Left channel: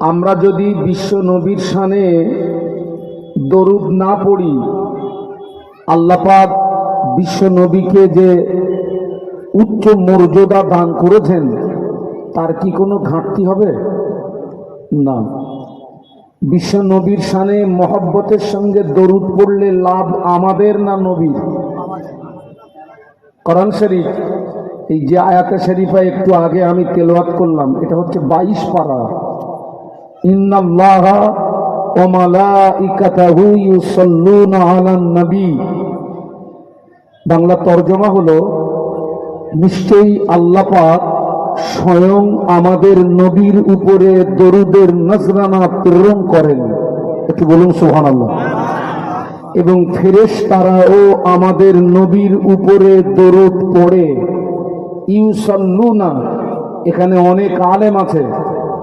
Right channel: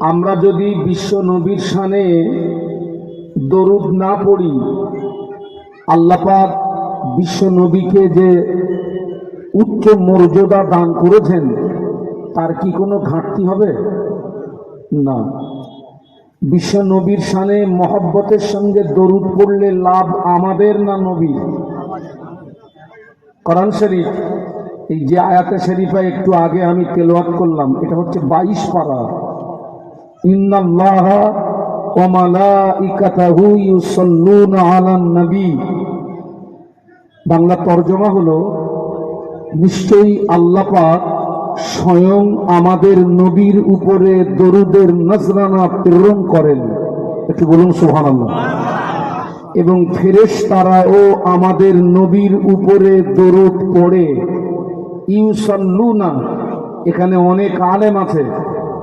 আমরা যদি বিশ্ব নবীর শানে দরুদ না পড়ি, আল্লাহ পাক বিশ্ব নবীকে যে উচ্চ মর্যাদা দান করেছেন তার কি কোনো ঘাটতি হবে? না। বিশ্ব নবীর শানে মহব্বতের সঙ্গে দরুদ পড়লে লাভ আমাদের না নবীর? কোরআন শরীফ এই যে আয়াতে শরীফা একটু আগে আমি তেলাওয়াত করলাম, এটা হচ্ছে 22 পারা। ইন্নাল্লাহা ওয়া মালাইকাতাহু ইউসাল্লুনা আলান নবী। বাংলা তরজমা হলো, নিশ্চয়ই আল্লাহ পাক স্বয়ং আমাদের নবীর উপরে দরুদের নজরানা প্রেরণ করেন। একটু বলুন সুবহানাল্লাহ। এবং ফেরেশতারাও আমাদের নবীর উপরে দরুদ পড়ে। ইউসাল্লুনা, এখানে অনেক আলেম আছে,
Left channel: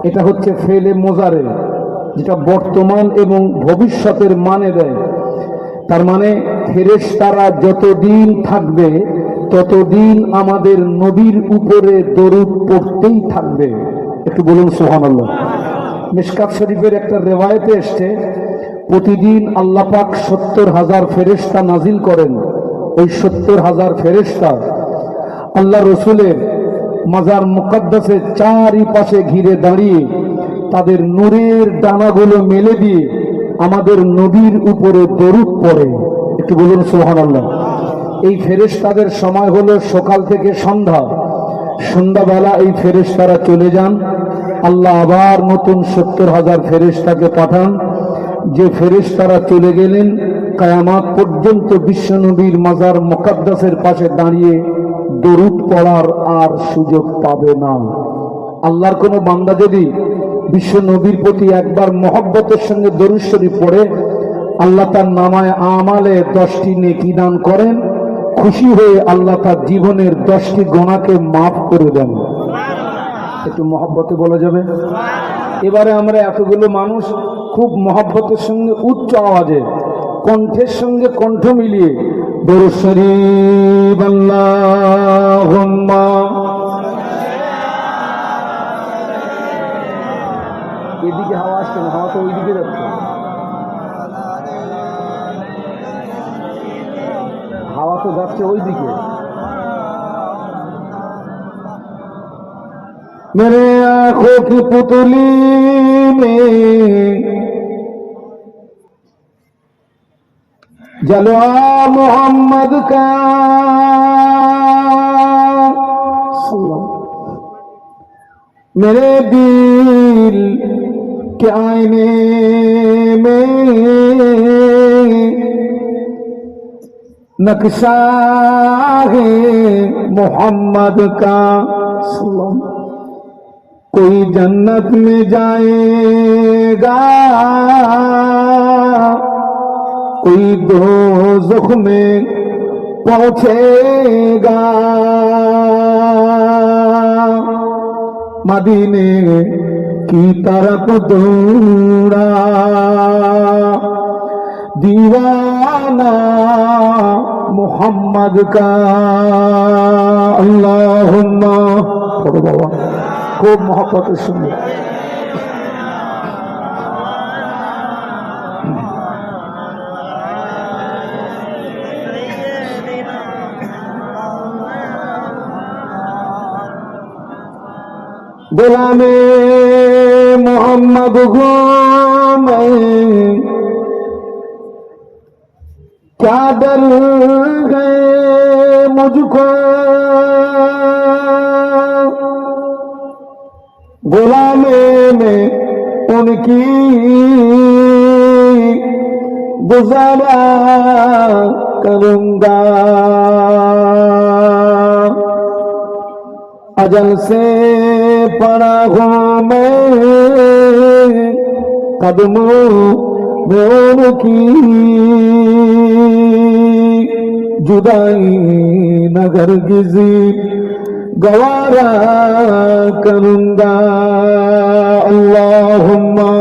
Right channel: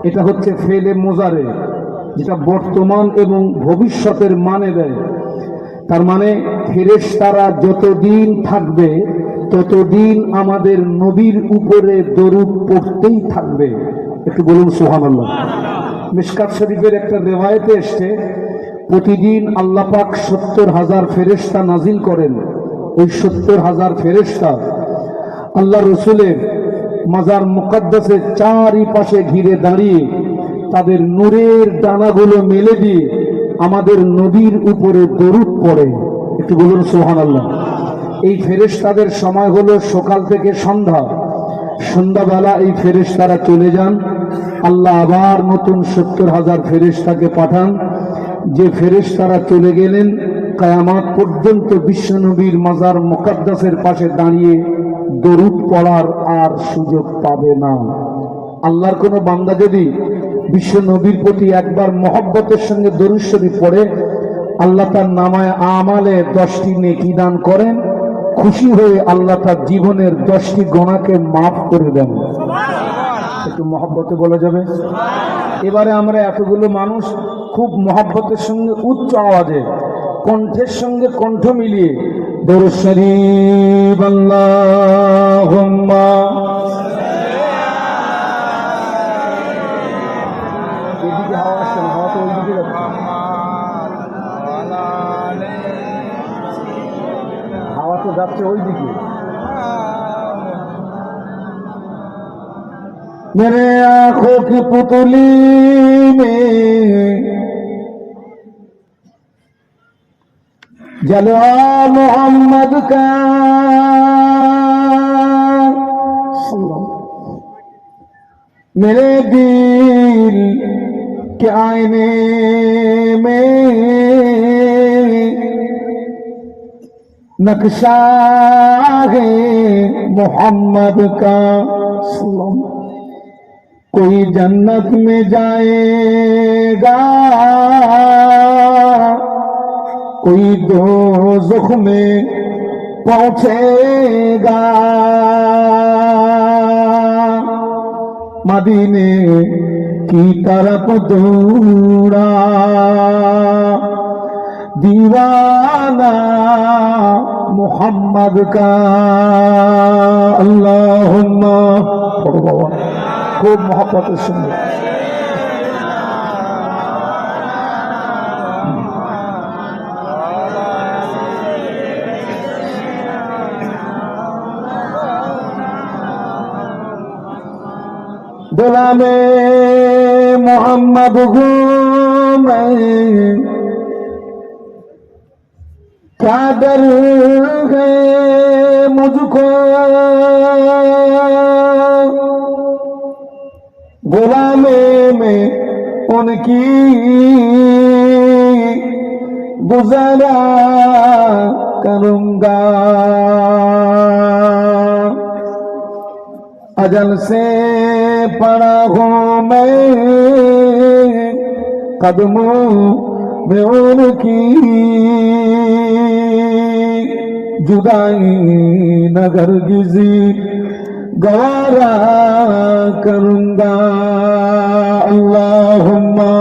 এটা হচ্ছে ফেলে মোজারে, যেটা বর্তমান এবং ভবিষ্যতের মানে দেয়। তার মানে ফেরেশতারা যতদিন থাকবে ততদিন আমাদের নবীর উপরে দরুদ পড়তেই থাকবে। একটু বলুন সুবহানাল্লাহ। মিশকাত শরীফের একটা রেওয়ায়েতে এসছে, প্রতিদিন আল্লাহ পাক 70,000 ফেরেশতা নাজিল করেন। ওই 70,000 ফেরেশতা আল্লাহ রসুলের মাজার মুকদ্দাসের চারিপাশে ঘিরে দাঁড়িয়ে তাদের নূরের ডানাগুলো মেলে দিয়ে আমাদের নবীর উপরে দরুদ পড়ে। একটু বলুন সুবহানাল্লাহ। এই ফেরেশতাদের সময় হলো সকাল থেকে সন্ধ্যা। সন্ধ্যাবেলা এই ফেরেশতারা চলে যান, আল্লাহ আবার নতুন 70,000 ফেরেশতাকে পাঠান। যে ফেরেশতারা চলে গেলেন, কিয়ামত পর্যন্ত বিশ্বনবীর মাজার মুকদ্দাসের পাশে দাঁড়িয়ে দরুদ পড়ার আর সুযোগ পাবে না। আল্লাহর কোনো বান্দা যদি বিশ্ব নবীর প্রতি একবার মহব্বতের সঙ্গে দরুদ শরীফ পড়ে, আল্লাহ তার নামায় আমালে 10টি নেকি দান করেন। খুশি হয়ে আল্লাহ তার জীবনের 10টি গুনাহকে মাফ করে দেন। একটু মহব্বতে বলা যাবে? এবারে আমরা এতগুলো মানুষ খুব মহব্বতের সঙ্গে উচ্চ আওয়াজে কণ্ঠের সঙ্গে কণ্ঠ মিলিয়ে দরুদ শরীফ আল্লাহুম্মা, এদিকে হাওয়া আসছে না, হাওয়া তো ওইদিকে যাচ্ছে, হাওয়া তো যাচ্ছে ওইদিকে। मेरे आंखों की पुतली में जलवा मोहम्मद का, मेरे दिल के आईने में नक्शा है मोहम्मद का। कोई जन्नत में जाएगा, कोई दोज़ख में पहुंचेगा। मदीने की तरफ दौड़ा दीवाना मोहम्मद का। अल्लाहुम्मा, पढ़ो बाबा, खूब मोहब्बत सुनो। गुलामे मोहम्मद को मैं क्या डर है मुझको, गुलामे में उनकी गुज़ारा करूंगा। अजल से पड़ा हूँ मैं कदमों में उनकी, जुदाई नगर गिजी गवारा करूंगा। अल्लाहुम्मा,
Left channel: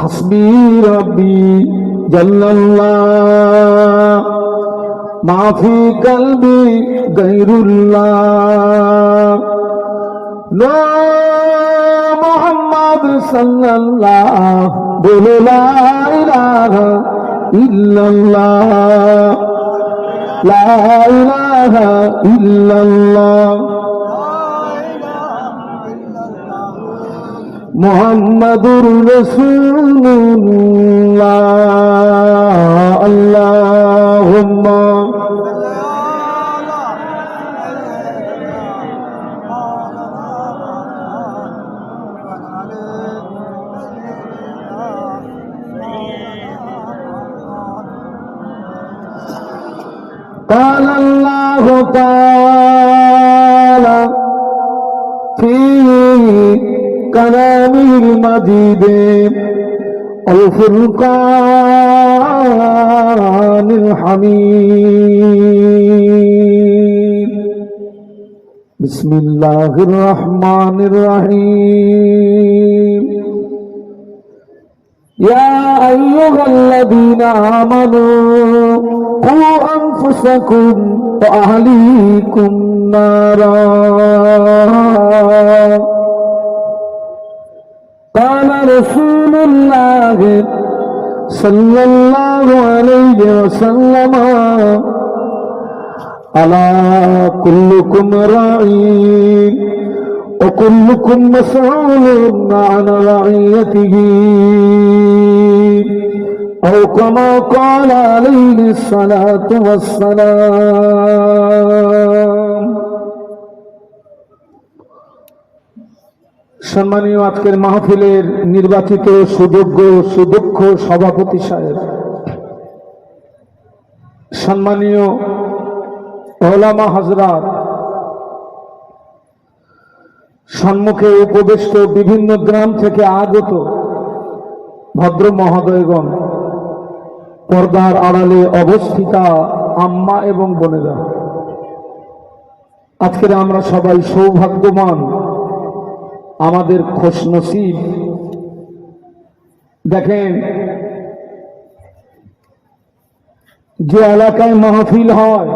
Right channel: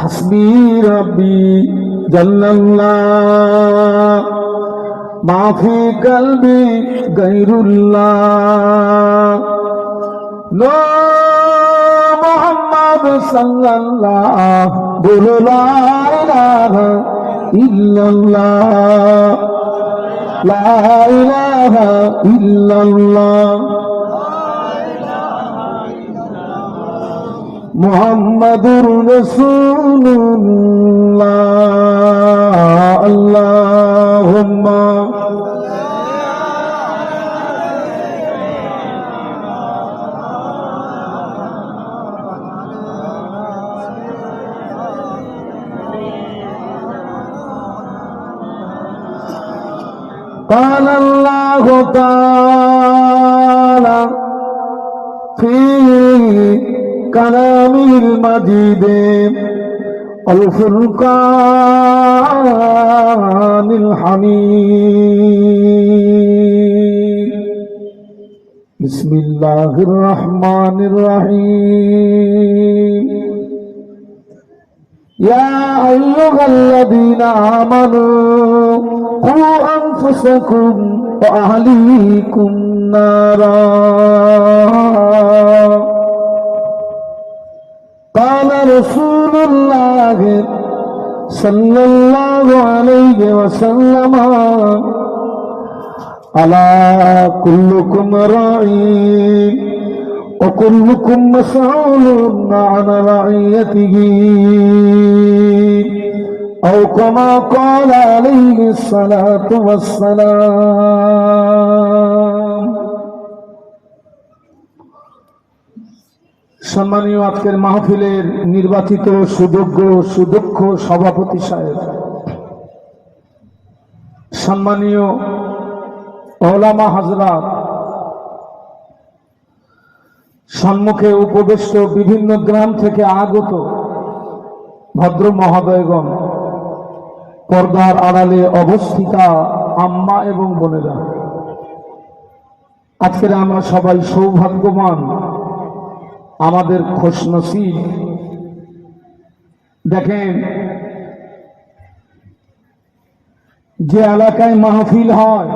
হাসবি রব্বি জাল্লাল্লাহ মা ফি কলবি গায়রুল্লাহ মুহাম্মদ সাল্লাল্লাহ বলো লা ইলাহা ইল্লাল্লাহ লা ইলাহা ইল্লাল্লাহ মুহাম্মাদুর রাসূলুল্লাহ আল্লাহুম্মা قال الله تعالى في كلامه المجيد الفرقان الحميد بسم الله الرحمن الرحيم يا أيها الذين آمنوا قوا أنفسكم وأهليكم نارا قال رسول الله صلى الله عليه وسلم ألا كلكم راعي وكلكم مسؤول عن رعيته أو كما قال عليه الصلاة والسلام সম্মানীয় আজকের মাহফিলের নির্বাচিত সুযোগ্য সুদক্ষ সভাপতি সাহেব, সম্মানীয় ওলামা হযরত, সম্মুখে উপবিষ্ট বিভিন্ন গ্রাম থেকে আগত ভদ্র মহোদয়গণ, পর্দার আড়ালে অবস্থিতা আম্মা এবং বোনেরা, আজকের আমরা সবাই সৌভাগ্যবান, আমাদের খুশনসিব। দেখেন, যে এলাকায় মাহফিল হয়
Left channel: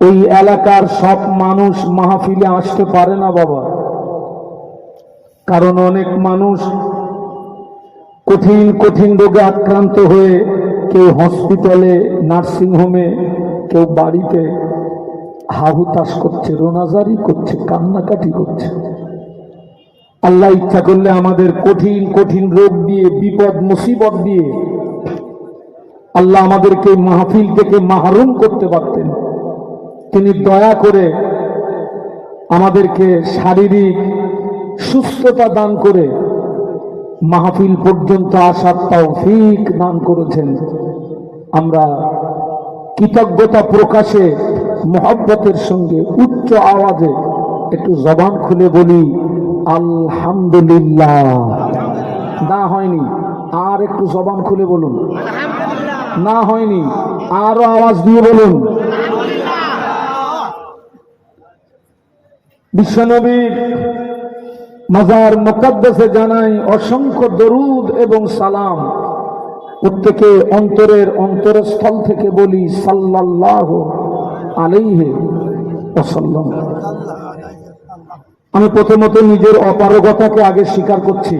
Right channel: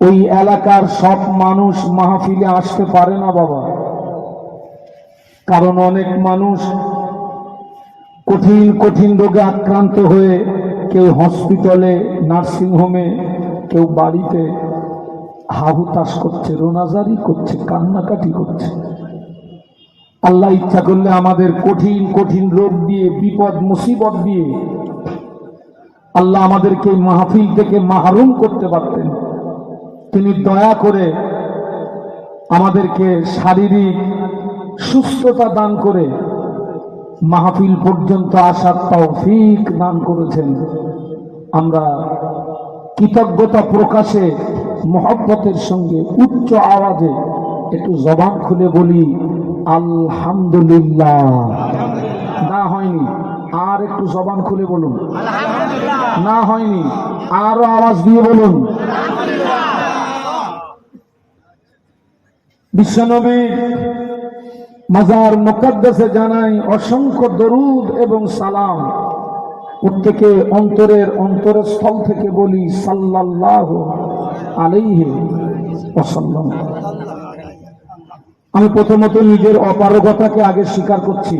ওই এলাকার সব মানুষ মাহফিলে আসতে পারে না বাবা, কারণ অনেক মানুষ কঠিন কঠিন রোগে আক্রান্ত হয়ে কেউ হসপিটালে, নার্সিংহোমে, কেউ বাড়িতে হাহুতাশ করছে, রোনাজারি করছে, কান্নাকাটি করছে। আল্লাহ ইচ্ছা করলে আমাদের কঠিন কঠিন রোগ দিয়ে, বিপদ মুসিবত দিয়ে আল্লাহ আমাদেরকে মাহফিল থেকে মাহরুম করতে পারতেন। তিনি দয়া করে আমাদেরকে শারীরিক সুস্থতা দান করে মাহফিল পর্যন্ত আসার তৌফিক দান করেছেন। আমরা কৃতজ্ঞতা প্রকাশে মহব্বতের সঙ্গে উচ্চ আওয়াজে একটু জবান খুলে বলি আলহামদুলিল্লাহ। না হয়নি, আর একটু জবান খুলে বলুন। না হয়নি, আরো আওয়াজ দিয়ে বলুন। বিশ্বনবীর মাজার মুকদ্দাসে জানাই অসংখ্য দরুদ এবং সালাম। প্রত্যেকে অন্তরের অন্তরস্থল থেকে বলি সাল্লাল্লাহু আলাইহি ওয়াসাল্লাম। আমি প্রথমত নিজের অপারগতাকে আগে স্বীকার করছি।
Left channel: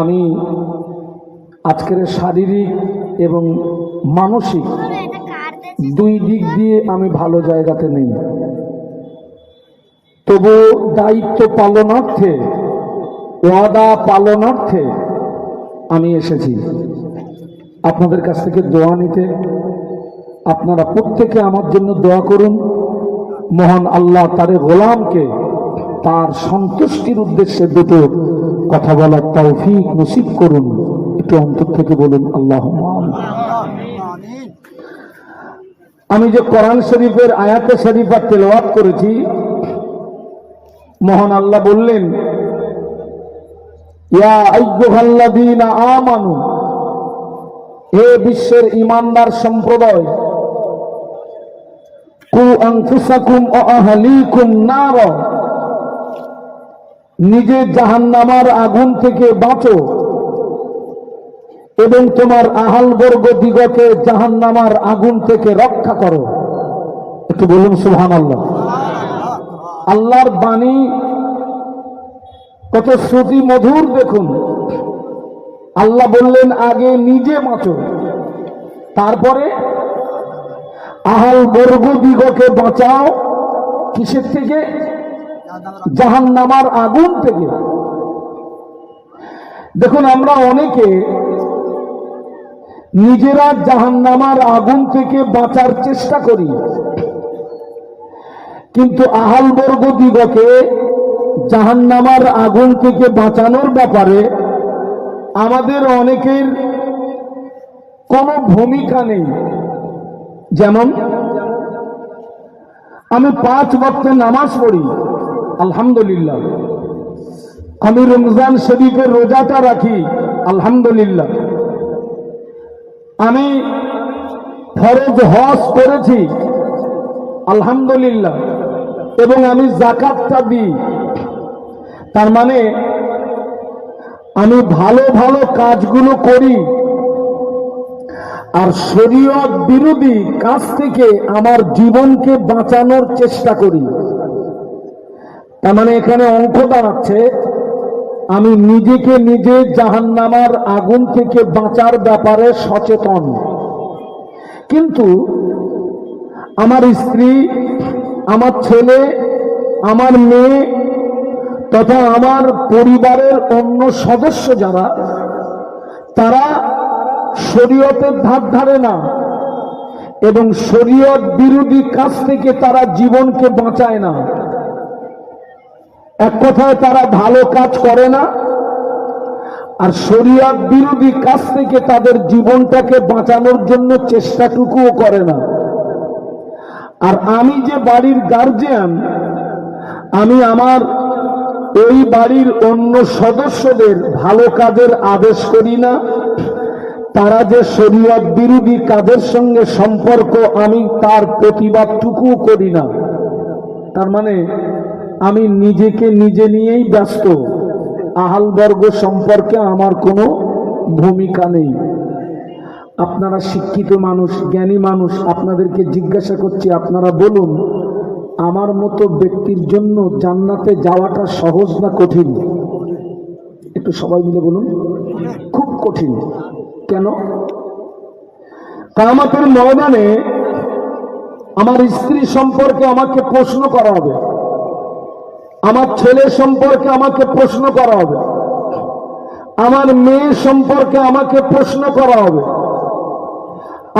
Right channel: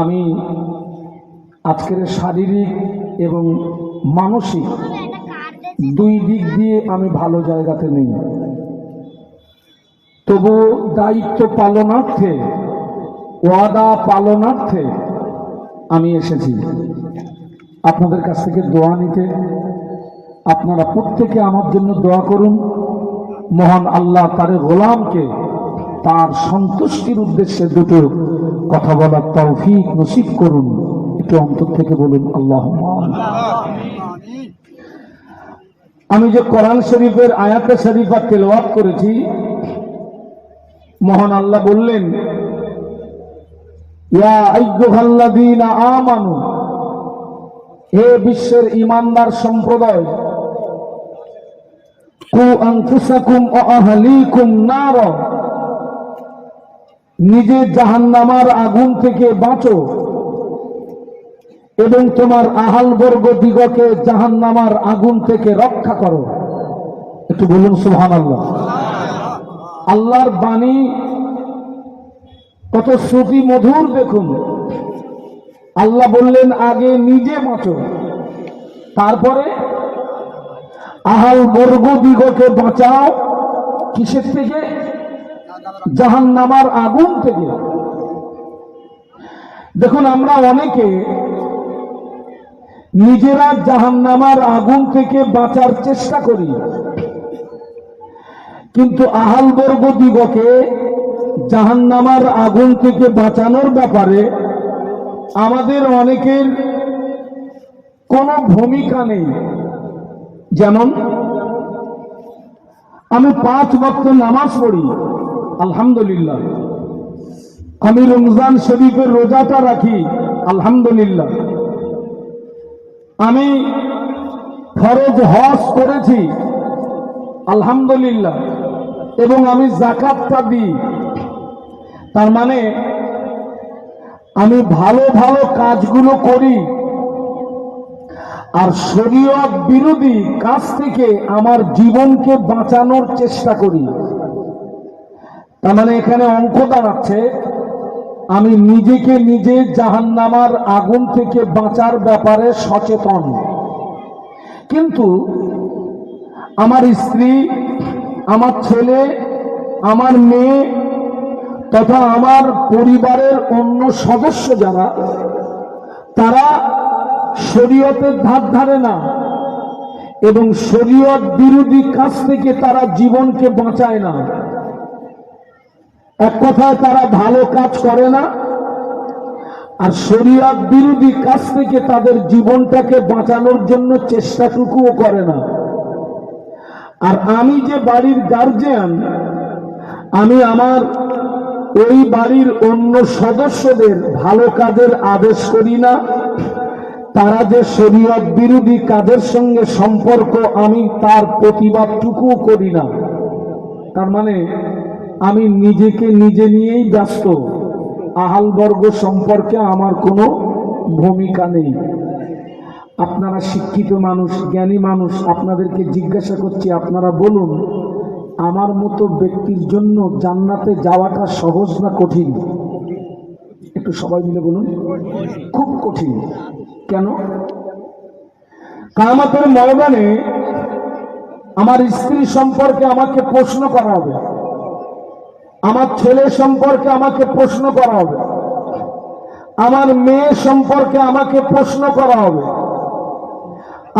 আমি আজকের শারীরিক এবং মানসিক দুই দিক দিয়ে আমি ভালো জায়গাতে নেই, তবু দায়িত্ব পালনার্থে, ওয়াদা পালনার্থে আমি এসেছি আপনাদের কাছ থেকে দোয়া নিতে। আপনারা প্রত্যেকে আমার জন্য দোয়া করুন, মহান আল্লাহ তার গোলামকে তার সন্তুষ্টির উদ্দেশ্যে দুটো কথা বলার তৌফিক নসিব করুন। একটু অন্তর থেকে বলুন আল্লাহুম্মা আমিন। আমি যে কোরআন শরীফের আয়াতে শরীফা তেলাওয়াত করেছি, মহান আল্লাহ বললেন ইয়া আইয়ুহাল্লাযীনা আমানু, হে বিশ্বের ঈমানদার সম্প্রদায়, কু আনফুসাকুম ওয়া আহলিকুম নারা, নিজে জাহান্নামার আগুন থেকে বাঁচো এবং তোমার আহালবর্গ দিগকে জাহান্নামার আগুন থেকে রক্ষা করো। একটু বলুন সুবহানাল্লাহ। আল্লাহর বাণী কত শ্রুতি মধুর দেখুন। আল্লাহ বললেন আগে নিজে বাঁচো, তারপরে আহালবর্গ দিগকে বাঁচাও। কিসের থেকে? জাহান্নামার আগুন থেকে। দেখুন, আমরা অনেকে নিজেরা জাহান্নামার আগুন থেকে বাঁচার চেষ্টা করি, কিন্তু আহালবর্গ দিগকে জাহান্নামার আগুন থেকে বাঁচানোর ব্যাপারে আমাদের অনেকের কোনো ভূমিকা নেই। যেমন আমি 5 ওয়াক্ত নামাজ পড়ি, আলহামদুলিল্লাহ। আমি রমজান শরীফের রোজাটা রাখি, আলহামদুলিল্লাহ। আমি ফরজ হজ করেছি, আলহামদুলিল্লাহ, এবং আমি যাকাতটা দিই। তার মানে আমি ভালো ভালো কাজগুলো করি, আর শরীয়ত বিরোধী কাজ থেকে আমার জীবনকে বাঁচানোর চেষ্টা করি। তার মানে এখানে অঙ্ক দাঁড়াচ্ছে আমি নিজেকে নিজে জাহান্নামার আগুন থেকে বাঁচার ব্যাপারে সচেতন, কিন্তু আমার স্ত্রী, আমার ছেলে, আমার মেয়ে তথা আমার পরিবারের অন্য সদস্য যারা, তারা শরীয়তের ধার ধারে না এবং শরীয়ত বিরোধী কাজ থেকে তারা জীবনকে বাঁচায় না। এক কথায় তারা ভালো কাজ করে না, আর শরীয়ত বিরোধী কাজ থেকে তাদের জীবনটাকে বাঁচানোর জন্য চেষ্টাটুকুও করে না। আর আমি যে বাড়ির গার্জিয়ান, আমি আমার ওই বাড়ির অন্য সদস্যদের ভালো কাজের আদেশ করি না, তারা যে শরীয়ত বিরোধী কাজের সঙ্গে সম্পর্ক আমি তার প্রতিবাদটুকুও করি না। তার মানে আমি নিজেকে নিজে নিয়েই ব্যস্ত, আহালবর্গ সম্পর্কে আমার কোনো ভূমিকা নেই। আপনারা শিক্ষিত মানুষ, জ্ঞানী মানুষ, আপনাদেরকে জিজ্ঞাসা করছি, আপনারা বলুন আমার মতো ব্যক্তির জন্য জান্নাতে যাওয়াটা সহজ না কঠিন? একটু সবাই মিলে বলুন। খুব কঠিন। কেন? কিয়ামতের ময়দানে আমার স্ত্রী সম্পর্কে আমাকে প্রশ্ন করা হবে, আমার ছেলে সম্পর্কে আমাকে প্রশ্ন করা হবে, আমার মেয়ে সম্পর্কে আমাকে প্রশ্ন করা হবে।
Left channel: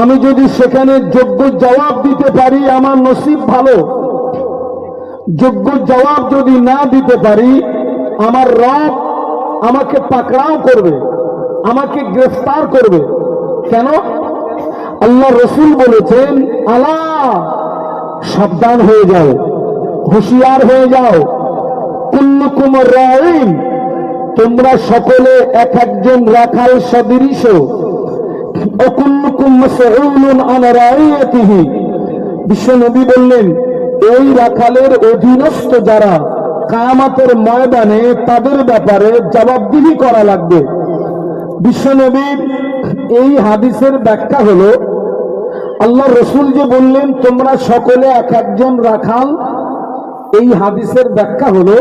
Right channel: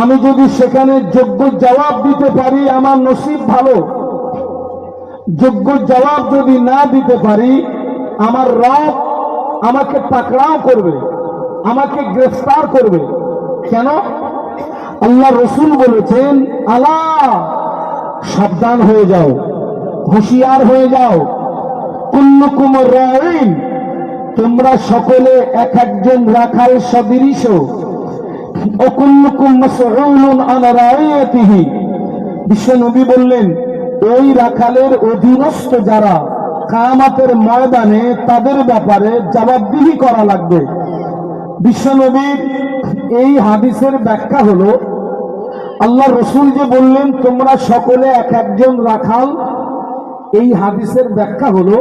আমি যদি সেখানে যোগ্য জবাব দিতে পারি আমার নসিব ভালো, যোগ্য জবাব যদি না দিতে পারি আমার রব আমাকে পাকড়াও করবে, আমাকে গ্রেফতার করবে। কেন? আল্লাহ রসুল বলেছেন, আলা, সাবধান হয়ে যাও, হুঁশিয়ার হয়ে যাও, কুল্লুকুম রাঈন, তোমরা সকলে এক একজন রাখাল সদৃশ, ও কুল্লুকুম মাসউলুন আন রাঈয়াতিহি। বিশ্বনবী বললেন, ওই রাখালের অধীনস্থ যারা, কিয়ামতের ময়দানে তাদের ব্যাপারে জবাবদিহি করা লাগবে। বিশ্বনবীর এই হাদিসের ব্যাখ্যা হলো, আল্লাহ রসুল যে বললেন তোমরা সকলে এক একজন রাখাল, এই হাদিসের ব্যাখ্যা হলো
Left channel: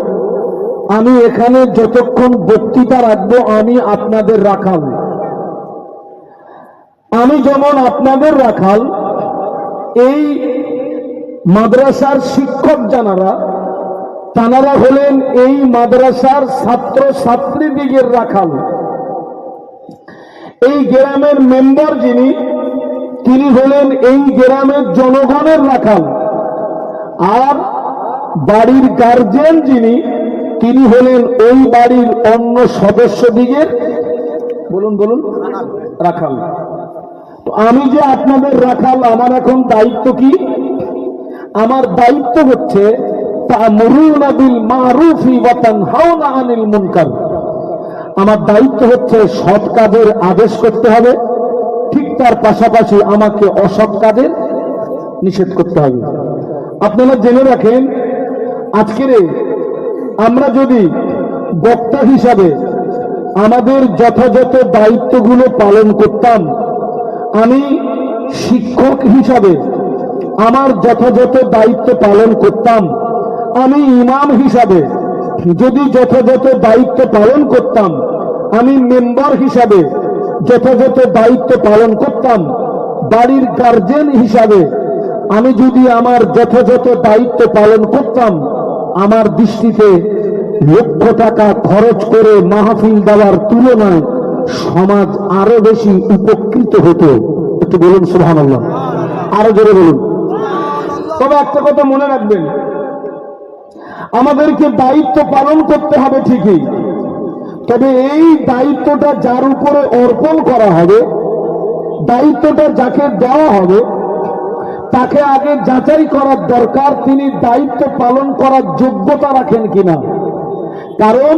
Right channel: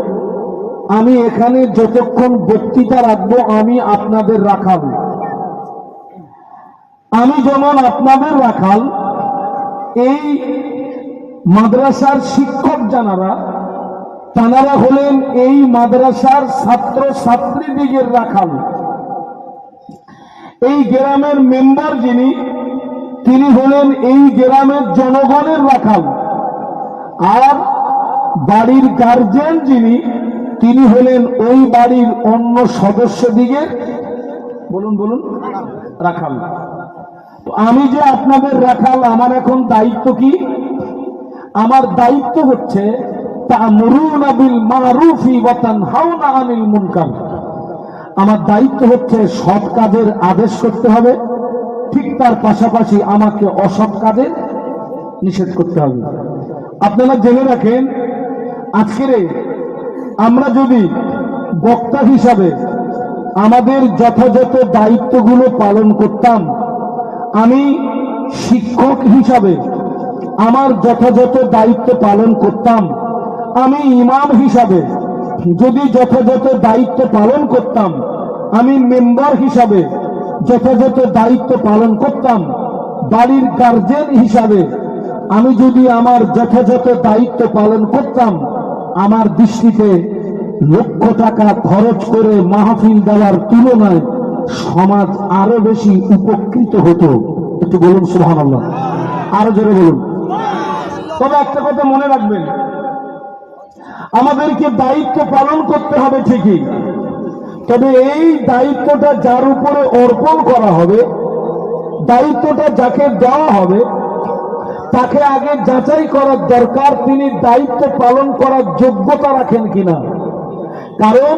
আমি এখানে যতক্ষণ বক্তৃতা রাখবো আমি আপনাদের রাখাল। আমি যেমন আপনাদের রাখাল, এই মাদ্রাসার শিক্ষক যারা, তারা হলেন এই মাদ্রাসার ছাত্র ছাত্রীদিগের রাখাল। এই গ্রামের মেম্বার যিনি, তিনি হলেন এই গ্রামের জনগণের রাখাল। আর বাড়ির গার্জিয়ান যিনি, তিনি হলেন ওই বাড়ির অন্য সদস্যদিগের, বলুন বলুন, রাখাল। তো আমি যে আপনাদের রাখাল, আমার এখন দায়িত্ব কি? আমার দায়িত্ব হচ্ছে তা'মুরুনা বিল মা'রুফি ওয়া তানহাউনা আনিল মুনকার। আমার দায়িত্ব হচ্ছে সৎ কাজের আদেশ করতে হবে, ঠিক তার পাশাপাশি আমাকে অসৎ কাজের নিষেধ করতে হবে। আপনারা জেনে রাখেন, আজকের আমরা যদি বক্তা হিসাবে আমাদের যথাযথ দায়িত্বগুলো পালন করতাম, আমি শিক্ষক হিসাবে আমার যথাযথ দায়িত্ব পালন করতাম, আমি ইমাম হিসাবে যদি যথাযথ দায়িত্ব পালন করতাম, আমি মেম্বার হিসাবে যথাযথ দায়িত্ব পালন করতাম, বাড়ির গার্জেন হিসাবে আমি যদি আমার যথাযথ দায়িত্ব পালন করতাম, আমার দৃষ্টিতে লক্ষ টাকা খরচ করে মাহফিল দেওয়ার তুলনায় সমাজ আরো বেশি উপকৃত হতো। একটু বলুন সুবহানাল্লাহ, আরো জোরে বলুন। তবে একটা কথা মনে রাখবেন, আমাদেরকে দায়িত্ব পালন করতে হবে ঠিকই, তবে এই দায়িত্বটা যার উপরে অর্পণ করা হবে, দায়িত্বটা যাকে দেওয়া হবে, তাকে আগে যাচাই করার দরকার তিনি দায়িত্ব পালন করার যোগ্যতা রাখেন কিনা। কারণ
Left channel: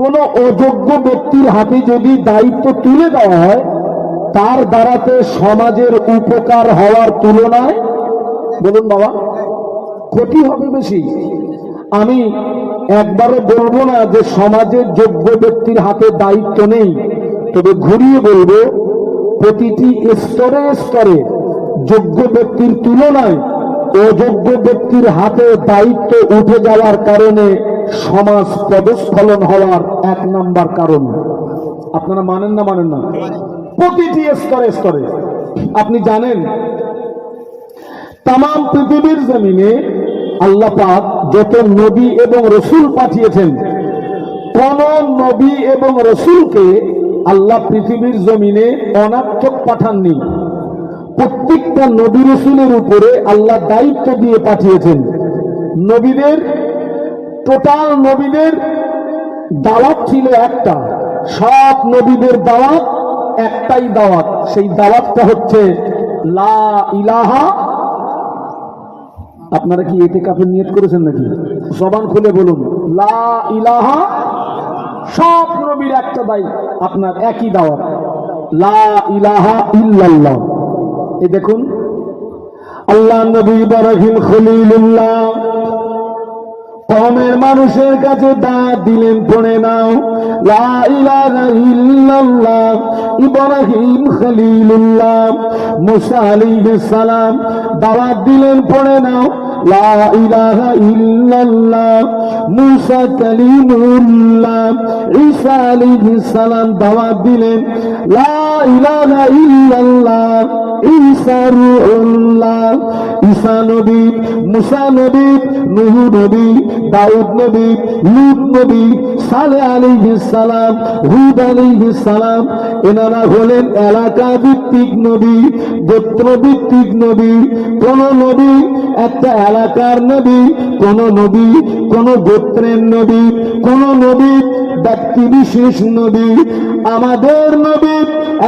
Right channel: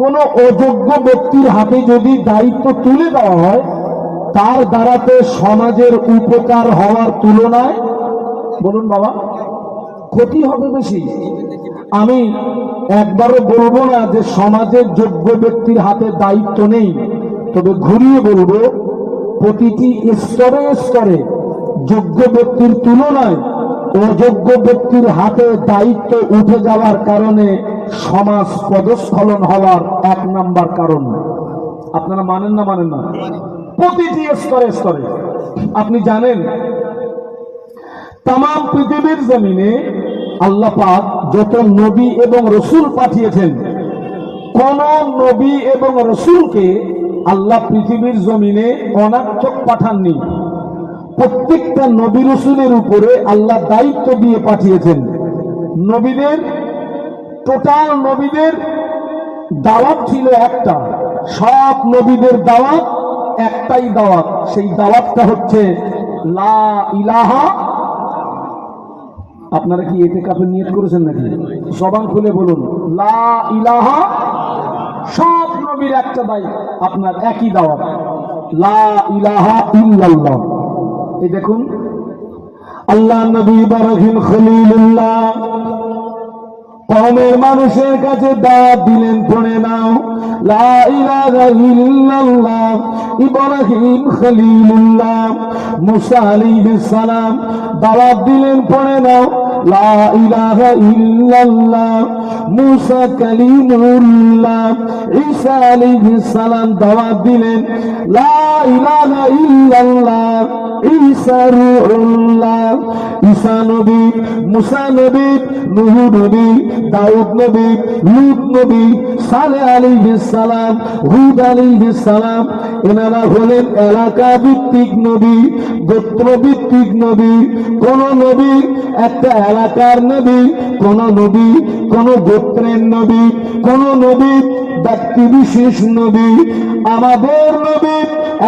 কোন অযোগ্য ব্যক্তির হাতে যদি দায়িত্ব তুলে দেওয়া হয়, তার দ্বারাতে সমাজের উপকার হওয়ার তুলনায়, বলুন বাবা, ক্ষতি হবে বেশি। আমি একবারও বলবো না যে সমাজের যোগ্য ব্যক্তির হাতে দায়িত্ব নেই, তবে ঘুরিয়ে বলবো প্রতিটি স্তরে স্তরে যোগ্য ব্যক্তির তুলনায় অযোগ্য ব্যক্তির হাতে দায়িত্ব উঠে যাওয়ার কারণে সমাজ পদস্খলন হওয়ার এক নাম্বার কারণ। আপনারা মানেন না মানেন না? প্রতিটি স্তরে স্তরে আপনি জানেন, তামাম পৃথিবীর জমিনে আল্লাহ পাক যত নবী এবং রসুল পাঠিয়েছেন, কোন নবী এবং রসুলকে আল্লাহ পৃথিবীর জমিনে অনার্থক পাঠাননি। প্রত্যেকটা নবী রসুলের উপরে আল্লাহ দায়িত্ব দিয়ে পাঠিয়েছেন। নবীদের টোটাল নবীদের দাওয়াত ছিল একটা, সব নবীদের দাওয়াত একটাই দাওয়াত, সেই দাওয়াতটা হচ্ছে লা ইলাহা। আপনারা কি এতে কাফের নিয়ত করেছেন নাকি? জবান খুলে বলুন লা ইলাহা। সব নবীর একটা দায়িত্ব, আপনার একই দাওয়াত, লা ইলাহা ইল্লাল্লাহ। এই দেখুন, আল্লাহ নবী ইব্রাহিম খলিলুল্লাহ কওমের মানুষের কাছে দাওয়াত দিলেন, পড়ে নাও লা ইলাহা ইল্লাল্লাহ। ইব্রাহিম খলিলুল্লাহ মুসা আলাইহিস সালাম দাওয়াত দিলেন, পড়ে নাও লা ইলাহা ইল্লাল্লাহ। মুসা কালিমুল্লাহ ঈসা আলাইহিস সালাম দাওয়াত দিলেন লা ইলাহা ইল্লাল্লাহ। ঈসা রূহুল্লাহ, ঈসা নবী, মুসা নবী, নূহ নবী, দাউদ নবী, লূত নবী, সালেহ আলাইহিস সালাম, হুদ আলাইহিস সালাম, এনারা হলেন এলাকা ভিত্তিক নবী, গোত্র ভিত্তিক নবী। কোন নবী একটা এলাকার নবী, কোন নবী কোন গোত্রের নবী, কোন নবী ব্যক্তি বিশেষ নবী। আমাদের নবী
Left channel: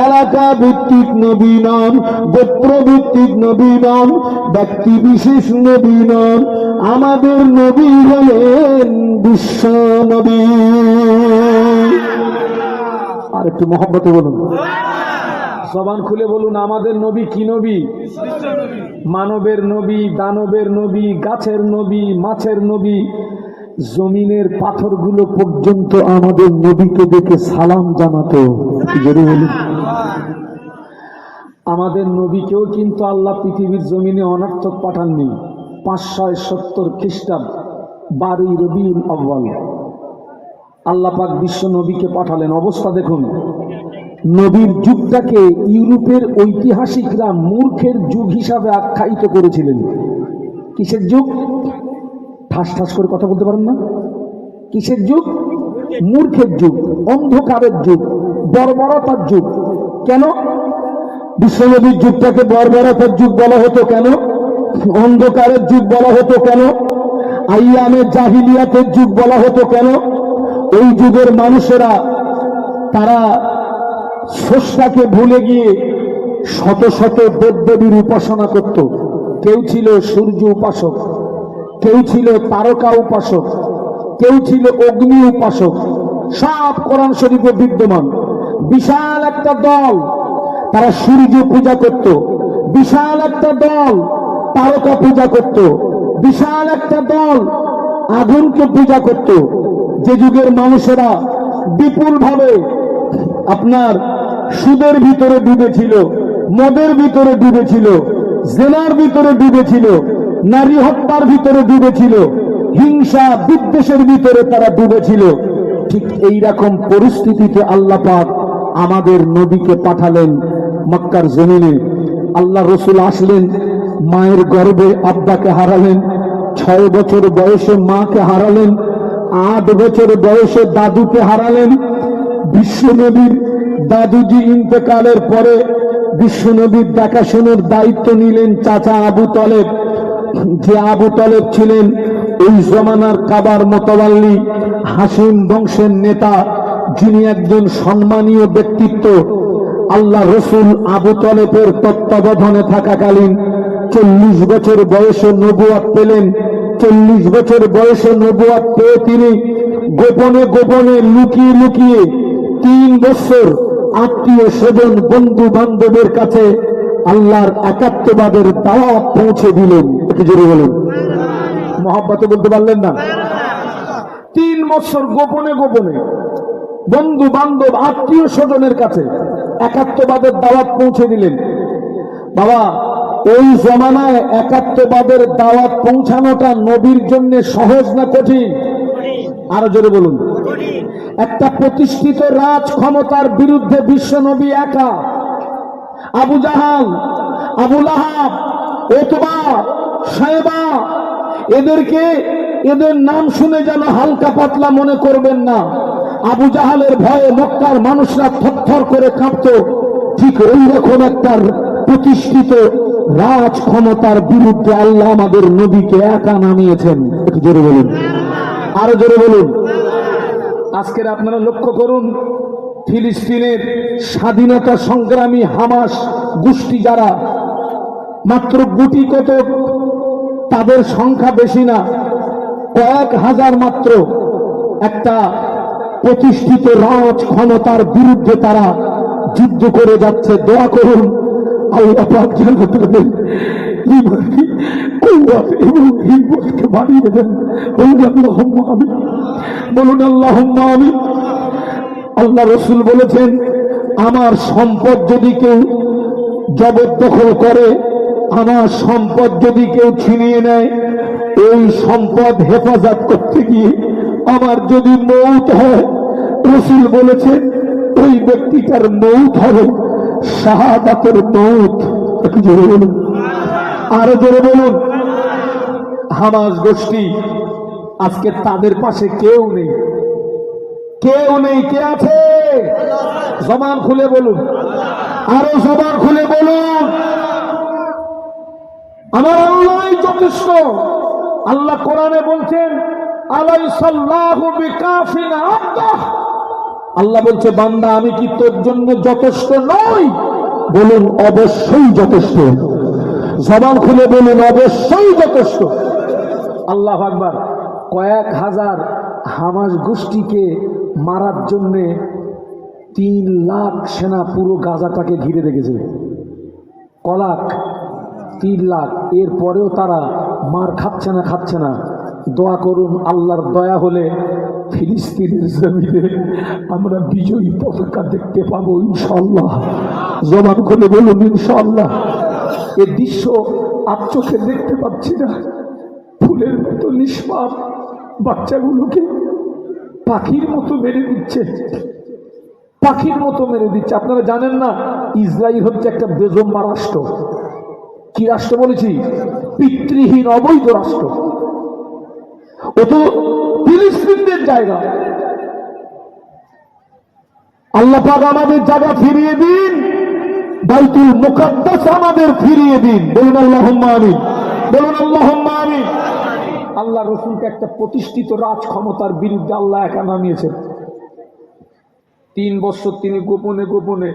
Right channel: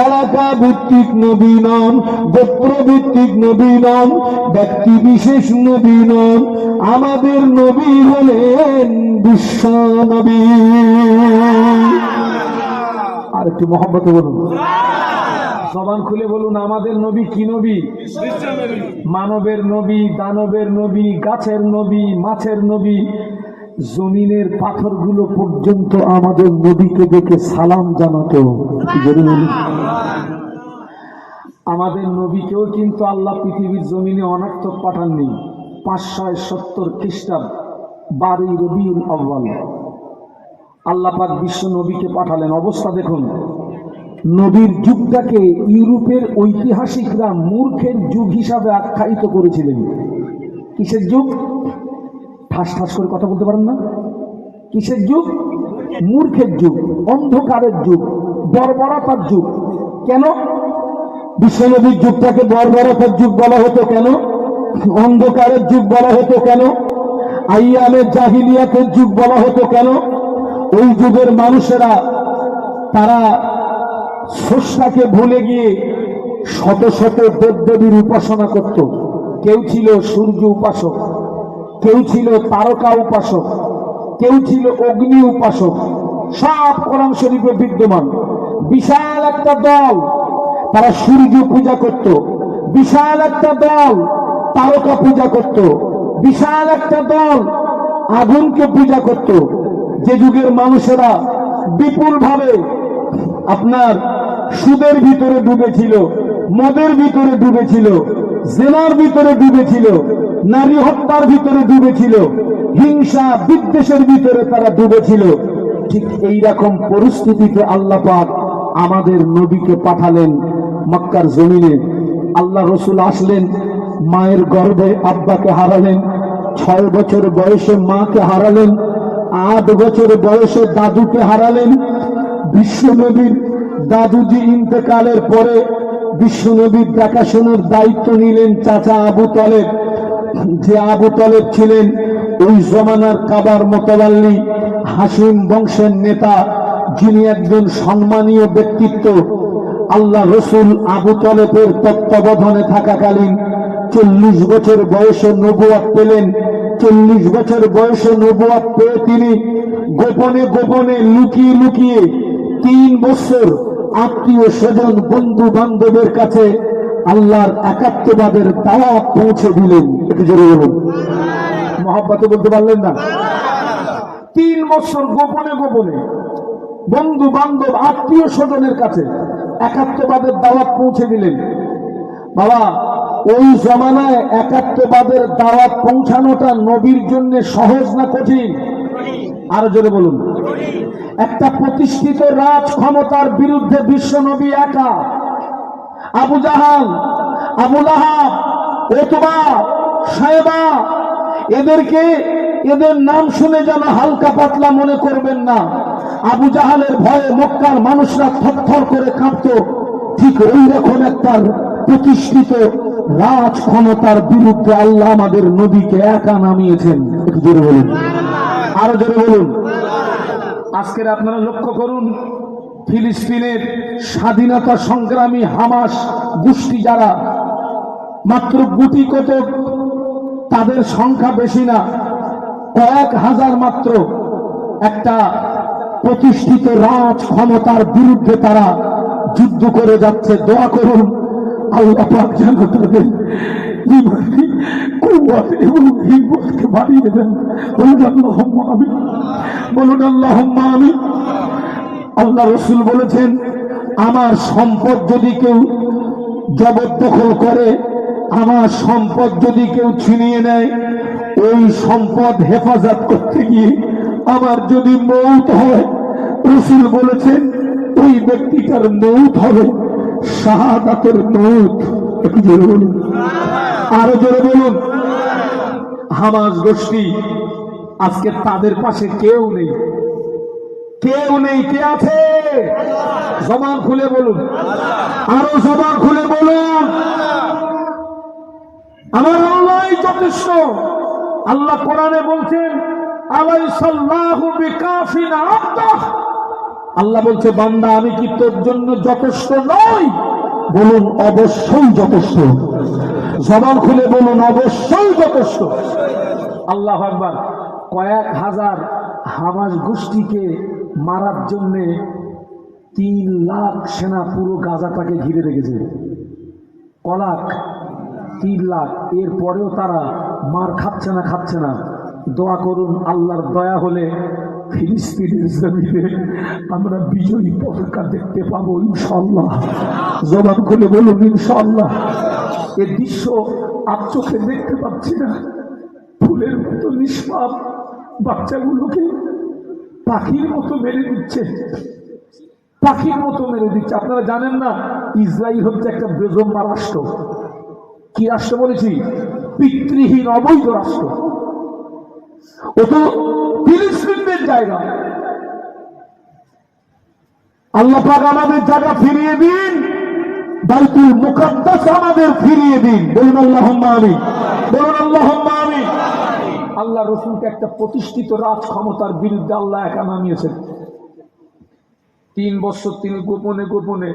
এলাকা ভিত্তিক নবী নন, গোত্র ভিত্তিক নবী নন, ব্যক্তি বিশেষ নবী নন। আমাদের নবী হলেন বিশ্ব নবী। আর একটু মহব্বতে বলুন, জবান খুলে বলুন, আমাদের নবী কি নবী? মানবের নবী, দানবের নবী, গাছের নবী, মাছের নবী, জমিনের পাথরগুলো পর্যন্ত আমাদের নবীকে দেখে সালাম জানাতো। আমাদের নবীকেও কিন্তু আল্লাহ পৃথিবীর জমিনে অনর্থক পাঠাননি। 570 খ্রিস্টাব্দ 12 রবিউল আউয়াল আল্লাহ পাক বিশ্ব নবীকে পাঠালেন। অবস্থা দেখুন, নবীর যুগটাকে ইউরোপের ঐতিহাসিকরা মূর্খের যুগ হিসাবে আখ্যায়িত করেছিলেন। কিসের যুগ? ঠাস ঠাস করে কথা বলতে পারেন না? কিসের যুগ? মূর্খের যুগ, অন্ধকারের যুগ, বর্বরতার যুগ। কেন বিশ্বনবীর যুগটাকে বর্বরতার যুগ বলা হতো? কেন অন্ধকারের যুগ বলা হতো? কেন আইয়ামে জাহিলিয়াতের যুগ বলা হতো? কেন ওই যুগের মানুষেরা তারা স্রষ্টাকে ভুলে গিয়ে শত শত দেবদেবীর উপাসনা করত। কেউ ছিল সূর্য উপাসক, কেউ ছিল তারকা উপাসক, কেউ ছিল অগ্নি উপাসক। সব কোরআন শরীফে বিদ্যমান। বিশাল একটা দল তারা সূর্য পূজা করত, বিশাল একটা দল তারকা পূজা করত, বিশাল একটা দল আগুনকে পূজা করত। যে যুগের মানুষেরা বিপুল ভাবে আপনার সুদের ভিতরে ডুবেছিল, মদের ভিতরে ডুবেছিল, জেনার ভিতরে ডুবেছিল, নারী হত্যার ভিতরে ডুবেছিল, হিংসা বিদ্বেষের ভিতরে তারা ডুবেছিল, ঠিক এই রকম পরিস্থিতিতে আল্লাহ পাক আমাদের নবীকে পাঠালেন মক্কার জমিনে। আল্লাহ রসুল আসলেন, মায়ের গর্ভে আব্বাকে হারালেন, 6 বছর বয়সে মাকে হারালেন, 8 বছর বয়সে দাদুকে হারালেন। বিশ্বনবীর দাদুজি ইন্তেকালের পরে বিশ্বনবীর দেখাশোনার দায়িত্ব নিলেন চাচা আবু তলেব। যে আবু তলেব ছিলেন ওই জমানার কাবার মোতাবাল্লি হাসিম বংশের নেতা, যিনি একজন সম্মানীয় ব্যক্তিত্ব। আল্লাহ রসুল আবু তলেবের তত্ত্বাবধানে থাকাকালীন 40 বছর বয়সে নবুয়ত পেলেন। 40 বছর বয়সে নবুয়ত পেয়ে তিনি গোপনে গোপনে লুকিয়ে লুকিয়ে 3 বছর আত্মীয় স্বজন বন্ধু বান্ধবের কাছে আল্লাহর একাত্মবাদের দাওয়াত পৌঁছে দিলেন। একটু জোরে বলুন, মহব্বতে বলতে পারলেন না? 3 বছর গোপনে গোপনে বন্ধু বান্ধব আত্মীয় স্বজনের কাছে একাত্মবাদের দাওয়াত পৌঁছে দিলেন। বাবা, ওই জমানায় একাত্মবাদের দাওয়াত পৌঁছানোটা নবীর জন্য সহজ না কঠিন? আরো জোরে বলুন। একটা প্রতিষ্ঠিত রাজ ক্ষমতার বিরুদ্ধে বিশ্ব নবী একা। আবু জাহাল, আবু লাহাব, উতবা, শায়বা, এদের নাম শুনে যেন হালকা পাতলা মনে করবেন না। আবু জাহালের ভয়ে মক্কার মানুষরা থরথর করে কাঁপত। ঠিক ওই রকম একটা প্রতিষ্ঠিত রাজ ক্ষমতার বিরুদ্ধে আল্লাহ আমাদের নবীকে একা নামিয়েছেন। একটু জোরে বলুন, আরো জোরে বলুন। আজকের আপনারা লক্ষ্য করুন, ফিলিস্তিনের স্বাধীনতা সংগ্রামী হামাস গোষ্ঠী যারা, মাত্র গুটি কত, তাদের সংখ্যা বেশি না, কয়েক হাজার মাত্র, একটা প্রতিষ্ঠিত রাজ ক্ষমতার বিরুদ্ধে তারা যুদ্ধ করে যাচ্ছে। দোয়া করুন আল্লাহ পাক যেন তাদের ঈমানি কুওয়াত এবং হিম্মতকে বাড়িয়ে দেন। বলুন আল্লাহুম্মা আমিন, বলুন আল্লাহুম্মা আমিন। আল্লাহ রসুল বলেছেন, আমার সম্পদ যদি কেউ জবরদখল করে, আমার সম্পদ যদি কেউ ছিনিয়ে নেয়, এই সম্পদ হেফাজত করতে গিয়ে আমার যদি মৌত হয়, রসুল বলেছেন ওই ব্যক্তিটার মৌত হবে শাহাদাতের মৌত। একটু জোরে বলুন, আরো জোরে বলুন। হামাস গোষ্ঠী, আজকে তাদের পাশে কেউ নেই, কেউ নেই। কে আছে? জবান খুলে বলুন, আরো জবান খুলে বলুন, আমার আল্লাহই যথেষ্ট। আল্লাহ কোরআনে বলছেন, আলাইসাল্লাহু বিকাফিন আবদাহ। আল্লাহ বলছে, বান্দা আমি কি তোর জন্য যথেষ্ট নই? বলুন অবশ্যই যথেষ্ট। জবান খুলে বলুন অবশ্যই যথেষ্ট। আল্লাহু আকবার। কয়েক হাজার হামাস গোষ্ঠীকে মারার জন্যে 3 লাখ সেনা পুরো গাজাটাকে ঘিরে রেখেছে। কলাক 3 লাখ। এরপরেও তারা মার খাচ্ছে না। দোয়া করুন, আল্লাহর দয়া হলে ফিলিস্তিনের জমিনে আমরা বিজয়ী পতাকা দেখতে পাবো ইনশাআল্লাহ। জবান করে বলুন ইনশাআল্লাহ। এ দৃশ্য আপ চোখে দেখতে পাচ্ছি না। ফুলের মতো নিষ্পাপ বাচ্চাগুলোকে পাখির মতো মেরে দিচ্ছে, পাখির মতো মেরে দিচ্ছে। আপনারা জানেন না, ইসরায়েল হচ্ছে একটা বেজম্মা রাষ্ট্র। কি রাষ্ট্র বলেছি? পিতৃহীন অবৈধ রাষ্ট্র। ও তো ফিলিস্তিনদের জায়গা। আল্লাহ পাক আমাদের জায়গা ফিরিয়ে দিন, বাইতুল মুকাদ্দাস আমাদের ফিরিয়ে দিন। বলুন আল্লাহুম্মা আমিন, বলুন আল্লাহুম্মা আমিন। আল্লাহ রসুলকে একটা প্রতিষ্ঠিত রাজ ক্ষমতার বিরুদ্ধে আল্লাহ একা নামিয়েছেন। 3 বছর তিনি গোপনে গোপনে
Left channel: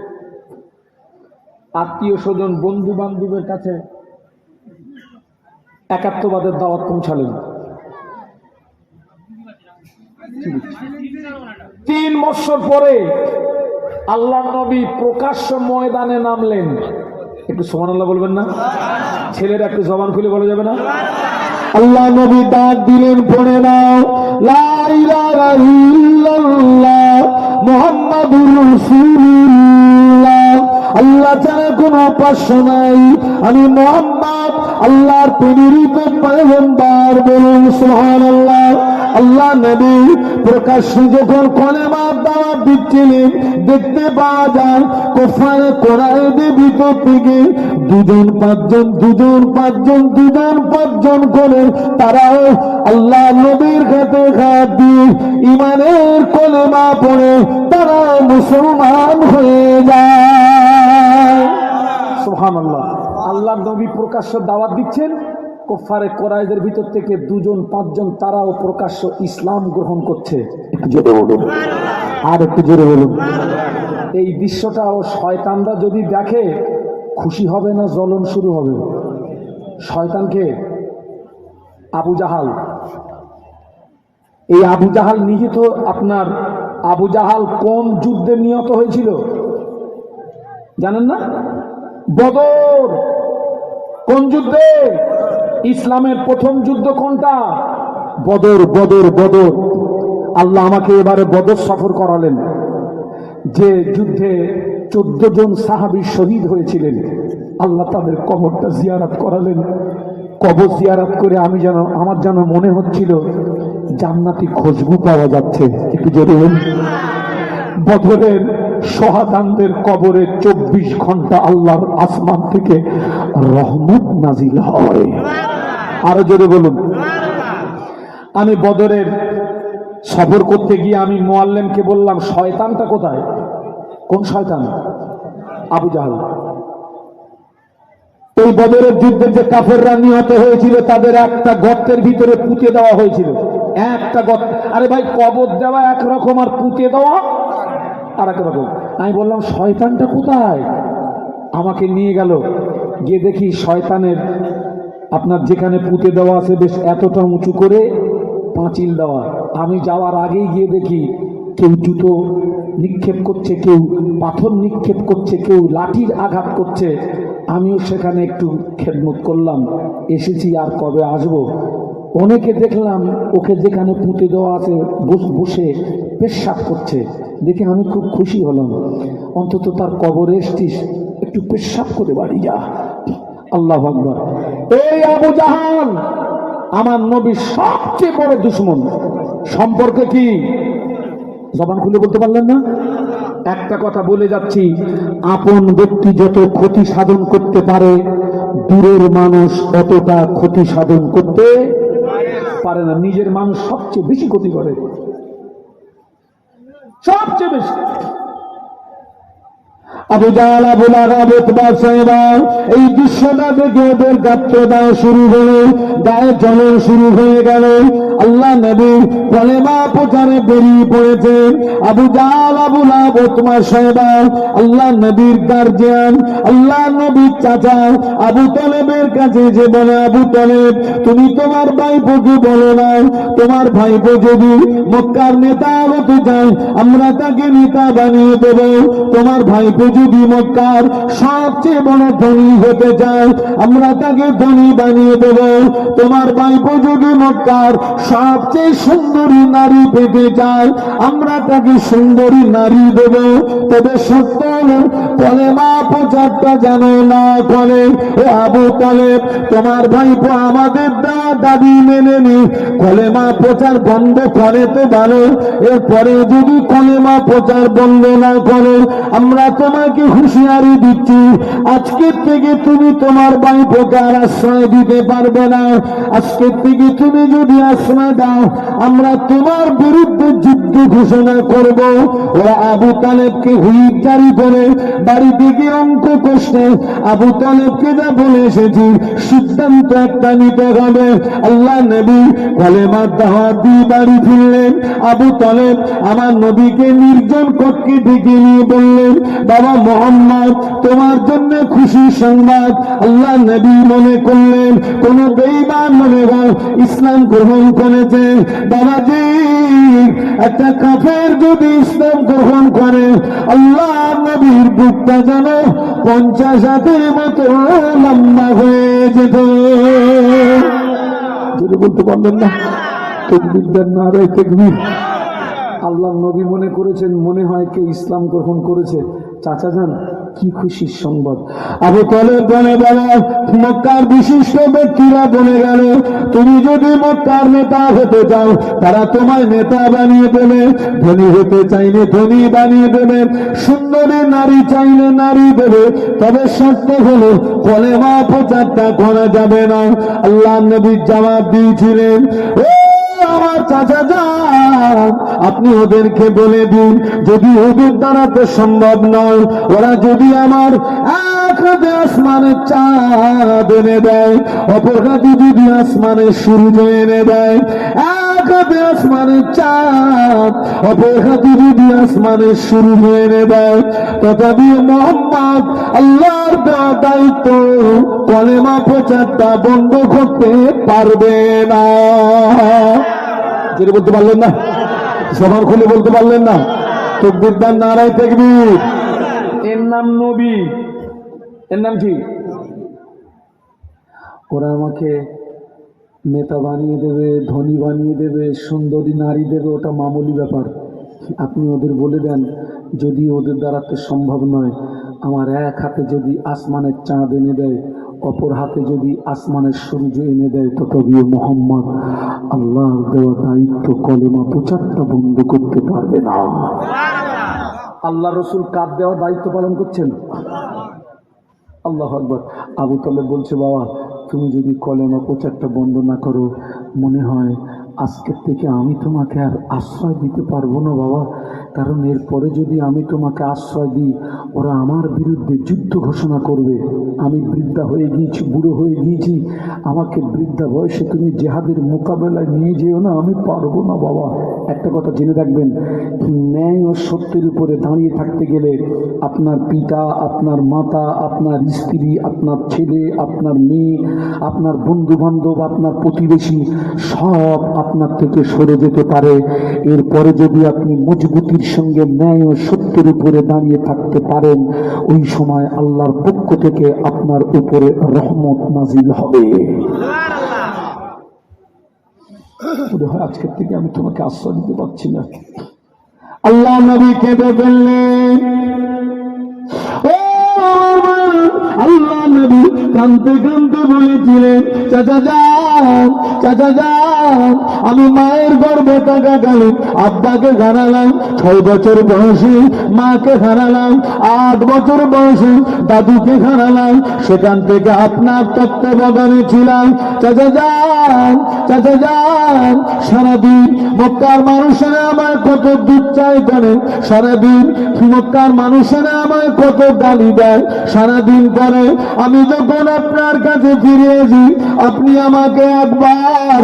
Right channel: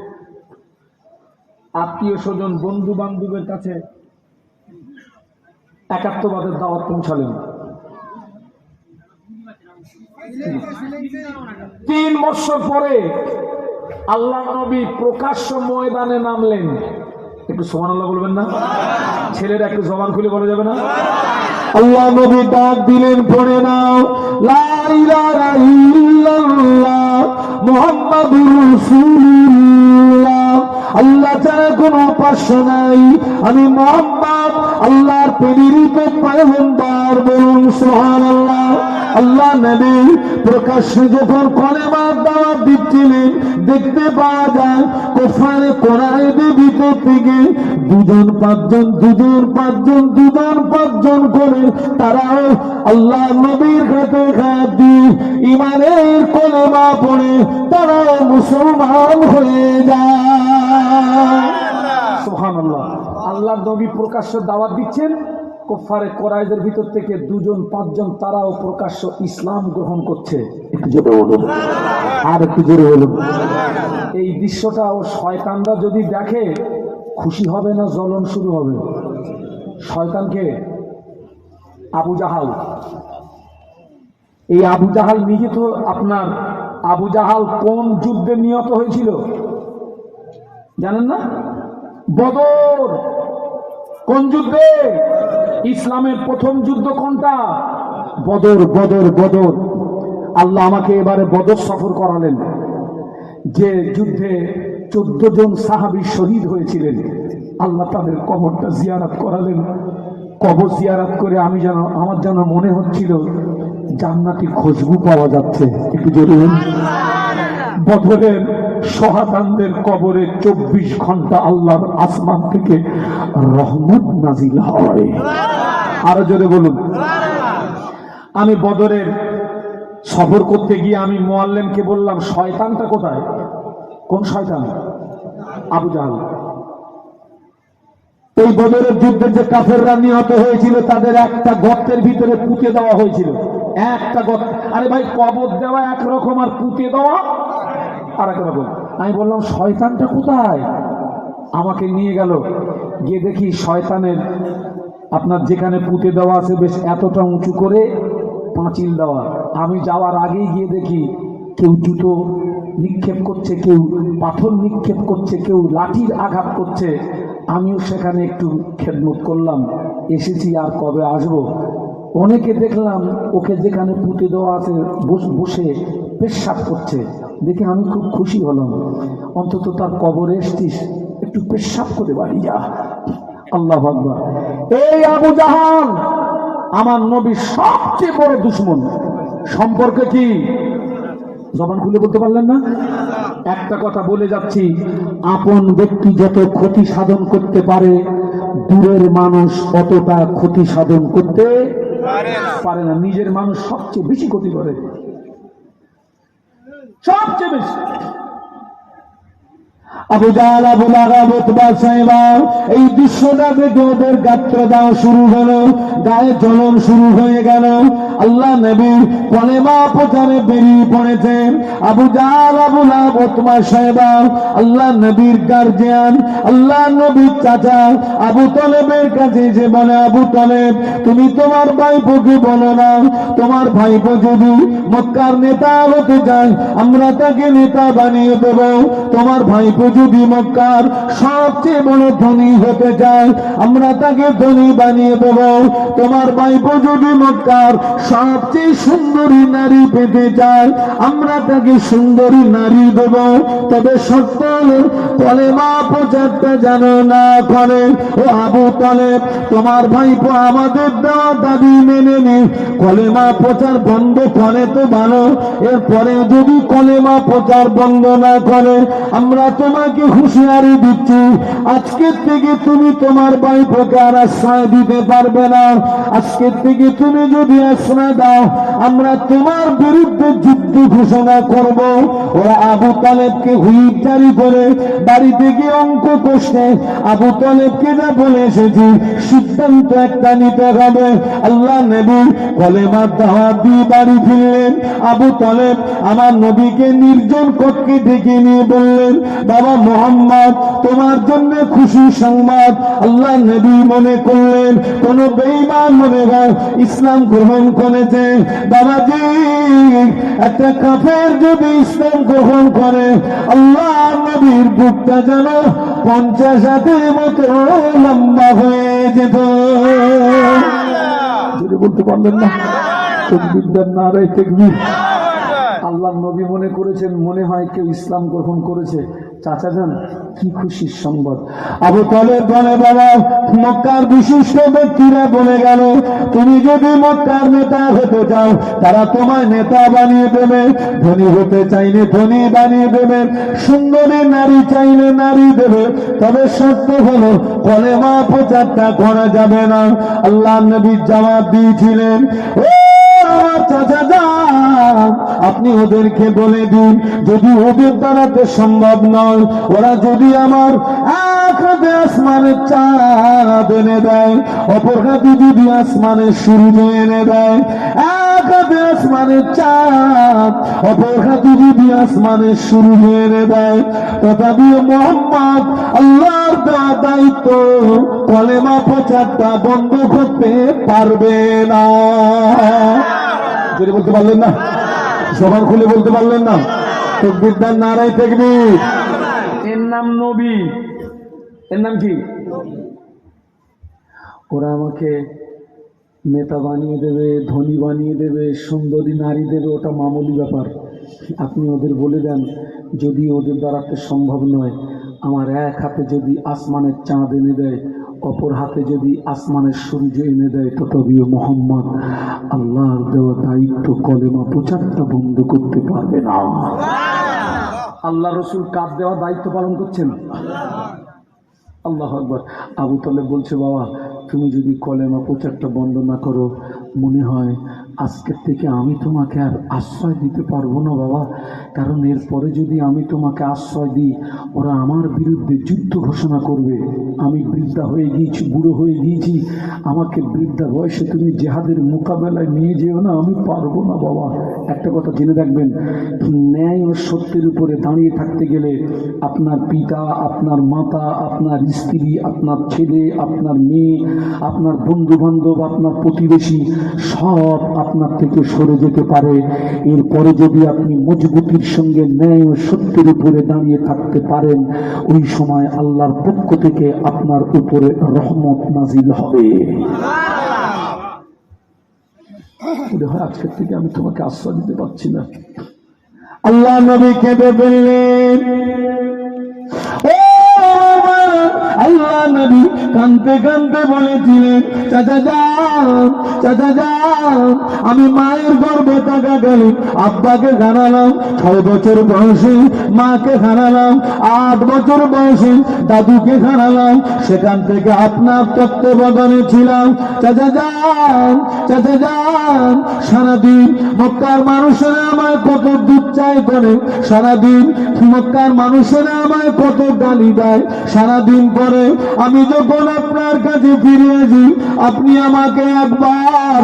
আত্মীয় স্বজন বন্ধু বান্ধবের কাছে একাত্মবাদের দাওয়াত পৌঁছালেন। 3 বছর পরে আল্লাহ নবী প্রকাশ্য ময়দানে নামলেন। একটু সুবহানাল্লাহ বলবেন না? ছেলেরা একটু জবান খুলে বলা যাবে না? আল্লাহ নবী ডাক দিলেন, পড়ে নাও লা ইলাহা ইল্লাল্লাহ মুহাম্মাদুর রাসূলুল্লাহ, আল্লাহ ছাড়া কোনো উপাস্য নাই, আমি মুহাম্মদ আল্লাহর প্রেরিত পয়গম্বর, বলুন সুবহানাল্লাহ। আল্লাহ নবী প্রকাশ্যে যখন কলেমার দাওয়াত দিচ্ছিলেন, দেখতে পাওয়া যায় কুফার কুরাইশদের ভিতর থেকে দুজন পাঁচজন করে তারাও আল্লাহ নবীর কাছে হাত দিয়ে ঈমানের কলেমা পড়ে তারাও মুসলমান হয়ে যায়। সুবহানাল্লাহ। আল্লাহ নবী প্রকাশ্য দাওয়াত দিচ্ছেন, কুফারে কুরাইশদের ভিতর থেকে দুজন পাঁচজন তারাও প্রকাশ্য ইসলাম গ্রহণ করছে। একটু জোরে বলুন, আর একটু জোরে বলুন। এই দৃশ্যটা ও শয়তানরা যদি দেখে খুশি হবে না জ্বলন শুরু হবে? শয়তানকে আবু জাহাল, এই আবু জাহাল নিজে তো আপনার, আবু জাহাল কোন যুদ্ধে নিহত হয়েছিল জানেন না? বদর। কোন যুদ্ধে? ইসলামের প্রথম যুদ্ধ কোনটা? বদর। আল্লাহ আমাকে এবারে বদর সফর করালেন, যে যুদ্ধে 14 জন সাহাবী শহীদ হয়েছিলেন। আল্লাহ তাদের কবরটা জিয়ারত করালেন। কবর জিয়ারত করে আমার যেন মনে হচ্ছিল জান্নাতি খুশবু পাওয়া যাচ্ছে। একটু জোরে বলুন। বদরের শহাদানদের কবরে 24 ঘন্টা আল্লাহর আসমান থেকে রহমত নাজিল হয়। আরো জোরে বলুন। আমি বদরের সফর করতে গিয়ে আমি মুআল্লিমকে বললাম, শয়তানটা কোথায়? কোন শয়তান? আবু জাহাল। এই বদরের যুদ্ধে যে কাফেররা নিহত হয়েছিল তাদের একটা গর্তের ভিতরে পুঁতে দেওয়া হয়েছিল। একটা গর্ত। আরে ভাই, কবর দেওয়া একরকম আর পুঁতে দেওয়া আর এক রকম। আমি বললাম, শয়তানটা কোথায়? আমাকে নিয়ে গেল, গিয়ে দেখি শয়তানের আপনার যেখানে পুঁতে দেওয়া আছে বেশ এতটা উঁচু করে পাঁচিল দেওয়া। আমি যাওয়ার আগেই গিয়ে দেখি কেউ জুতো নিক্ষেপ করছে, কেউ পাথর নিক্ষেপ করছে, কেউ লাঠির আঘাত করছে। আমিও সেখানে একটু খেদমত করলাম, এসেছি আর কবে আসবো। অনেকে দেখলাম ওকে যেখানে পুঁতে দেওয়া আছে বসে পেশাব করছে, দেখে আমি খুব খুশি হলাম। অন্তত তার কবরে এসছিস, একটু পেশাব করে বাড়ি যা। আল্লাহু আকবার। এই আবু জাহাল আমার নবীর সবচেয়ে বড় দুশমন। সম্পর্কে কি জবান খুলে বলতে পারলেন না? একটা কথা বলে যাচ্ছি, আপন ব্যক্তি যত ক্ষতি সাধন করতে পারে, দূরের মানুষ অতটা ক্ষতি সাধন করতে পারে না। নিজের মানুষ সবচেয়ে বেশি ক্ষতি করে, সবচেয়ে বেশি। আবু জাহাল, আবু লাহাব, উতবা, সাইবা এই দৃশ্যটা দেখে ওদের গাত্রদাহ শুরু হলো, গায়ে জ্বলন শুরু হয়ে গেল। আল্লাহ নবী কলেমা প্রচারে বেরিয়ে পড়েছেন। আবু জাহাল, আবু লাহাব, উতবা, সাইবা আল্লাহ নবীর গার্জিয়ান, আল্লাহ নবীর চাচা আবু তালেবের কাছে যে বলে, আবু তালেব তুমি তোমার ভাইপোকে বলো না, তোমার ভাইপো যদি মক্কার নেতা হতে চায় আমরা তাকে নেতা বানিয়ে দেব। তোমার ভাইপো যদি মক্কার সবচেয়ে বড় ধনী হতে চায় আমরা তাকে ধনী বানিয়ে দেব। তোমার ভাইপো যদি মক্কার সবচেয়ে সুন্দরী নারী পেতে চায় আমরা তাকে সুন্দরী নারী দেব। তবে সত্য হলো কলেমা প্রচারটা যেন না করে। ও আবু তালেব, তোমার ভাইপো আমাদের দেওয়া দাবি মেনে নি, কলেমা প্রচার বন্ধ করে তো ভালো, এরপরে যদি কলেমা প্রচার বন্ধ না করে আমরা তোমাকে হুঁশিয়ারি দিচ্ছি, আজকের থেকে তুমি তোমার ভাইপোকে আর আশ্রয় দিতে পারবে না। আজকের থেকে তুমি যদি আশ্রয় দাও আমরা তোমার বিরুদ্ধে যুদ্ধ ঘোষণা করব। ওরা আবু তালেবকে হুইপ জারি করে বাড়ি থেকে অঙ্ক কষতে আবু তালেবকে যা বলে এসেছি সিদ্ধান্ত একটা নিতে হবে। আল্লাহ নবী কলেমার দাওয়াত দিয়ে বাড়ি ফিরলেন। আবু তালেব আমার নবীকে নির্জন কক্ষে ডেকে নিয়ে বললেন, বাবা মুহাম্মদ তোমার জন্য খুশি সংবাদ। আল্লাহ নবী মনে করলেন কোন বেঈমান মনে হয় ইসলাম গ্রহণ করেছে। বাবাজি, একটা কাফের যদি ইসলাম গ্রহণ করে আল্লাহ নবীর বুকটা যেন 50 হাতের মতো লম্বা হয়ে যেত। যদি বলতে পারলেন না, তাকবীর দেন, নারে তাকবীর। আল্লাহ নবী মনে করেছেন মনে হয় কেউ ইসলাম গ্রহণ করেছে। চাচা যান, কি খুশির সংবাদ। আবু তালেব বলে, বাবা মক্কার বিশিষ্ট ব্যক্তিরা বলে গেল, তুমি যদি মক্কার নেতা হতে চাও তারা তোমার নেতা বানিয়ে দেবে, ধনী হতে চাইলে ধনী বানিয়ে দেবে, সুন্দরী নারী চাইলে নারী দেবে, তবে শর্ত হলো কলেমা প্রচারটা করা যাবে না। আল্লাহ নবী জবাব দিয়েছিলেন, ও আমার চাচা যান, আপনি ওদেরকে বলে দিন যদি ওদের দ্বারা তো সম্ভব নয়, ওরা যদি আমার এক হাতে আসমানের চাঁদ এনে দেয়, অপর হাতে যদি আসমানের সূর্য এনে দেয়, এক হাতে আসমানের চাঁদ অপর হাতে যদি আসমানের সূর্য এনে দেয়, তথাপি মোহাম্মদ আল্লাহর দেওয়া দায়িত্ব কলেমা প্রচারটা বন্ধ করতে পারবে না। যেটা বলতে পারলেন না, সবার খুলে বলতে পারলেন না, তাকবীর দেন, নারে তাকবীর। এর নাম নবী, এর নাম কি? ওরা আমাকে নেতা বানিয়ে দেবে, ধনী বানিয়ে দেবে, সুন্দরী নারী দেবে, ওটা মামুলি ব্যাপার। আপনি ওদের বলে দেন যদি ওদের দ্বারা তো সম্ভব নয়, আমার এক হাতে যদি আসমানের চাঁদ এনে দেয়, অপর হাতে যদি আসমানের সূর্য এনে দেয়, তথাপিও মোহাম্মদ আল্লাহর দেওয়া দায়িত্ব কলেমা প্রচারটা বন্ধ করতে পারবে না। আল্লাহ রসুল কার দেওয়া দায়িত্ব পালন করছেন? আল্লাহু আকবার। আবু তালেব বলছে, বাবা তুমি যদি কলেমা প্রচারটা বন্ধ না করো, মনে হয় আজকের থেকে আমি তোমাকে আর আশ্রয় দিতে পারবো না বাবা, কারণ এরপরে যদি আমি তোমাকে আশ্রয় দিই ওরা আমার বিরুদ্ধে যুদ্ধ ঘোষণা করবে। আমি বৃদ্ধা হয়ে গিয়েছি, বুড়ো হয়ে গিয়েছি, আমাকে বৃদ্ধা বয়সে তুমি জেহাদের মোকাবেলায় নিয়ে যেও না, আমি পারবো না বাবা। একটা কথা জেনে রাখবেন, ন্যায় ও সত্যের উপরে দাঁড়িয়ে থাকতে গেলে আপনার পিতা, আপনার মাতা, আপনার স্ত্রী, আপনার ছেলে, আপনার মেয়ে, আপনার বন্ধু বান্ধব, আপনার প্রতিবেশী সব আপনার থেকে সরে যেতে পারে। এরপরে যদি আপনি মজবুতির সঙ্গে ন্যায় ও সত্যের উপরে দাঁড়িয়ে থাকতে পারেন, ওই সময় আল্লাহর পক্ষ থেকে আপনার উপরে রহমত নাজিল হবে। মনে হয় আজকের থেকে আমি তোমাকে আশ্রয় দিতে পারছি না। আল্লাহ নবী কেঁদে ফেললেন। আল্লাহ নবী কাঁদতে কাঁদতে বলেছিলেন, চাচা যান, চাচা যান, আমি মায়ের গর্ভে থাকাকালীন আব্বাকে হারালাম 6 বছর বয়সে, মাকে হারালাম 8 বছর বয়সে, দাদুকে হারালাম, সেখান থেকে আপনার তত্ত্বাবধানে ছিলাম। চাচা যান, চাচা যান, সারাদিন মক্কার মানুষেরা আমায় কত দুধ চাই করে, সারাদিন মক্কার মানুষেরা আমায় কত গালি দেয়, সারাদিন পরে আমি যখন আপনার কাছে ফিরে আসি আপনি আমাকে একবার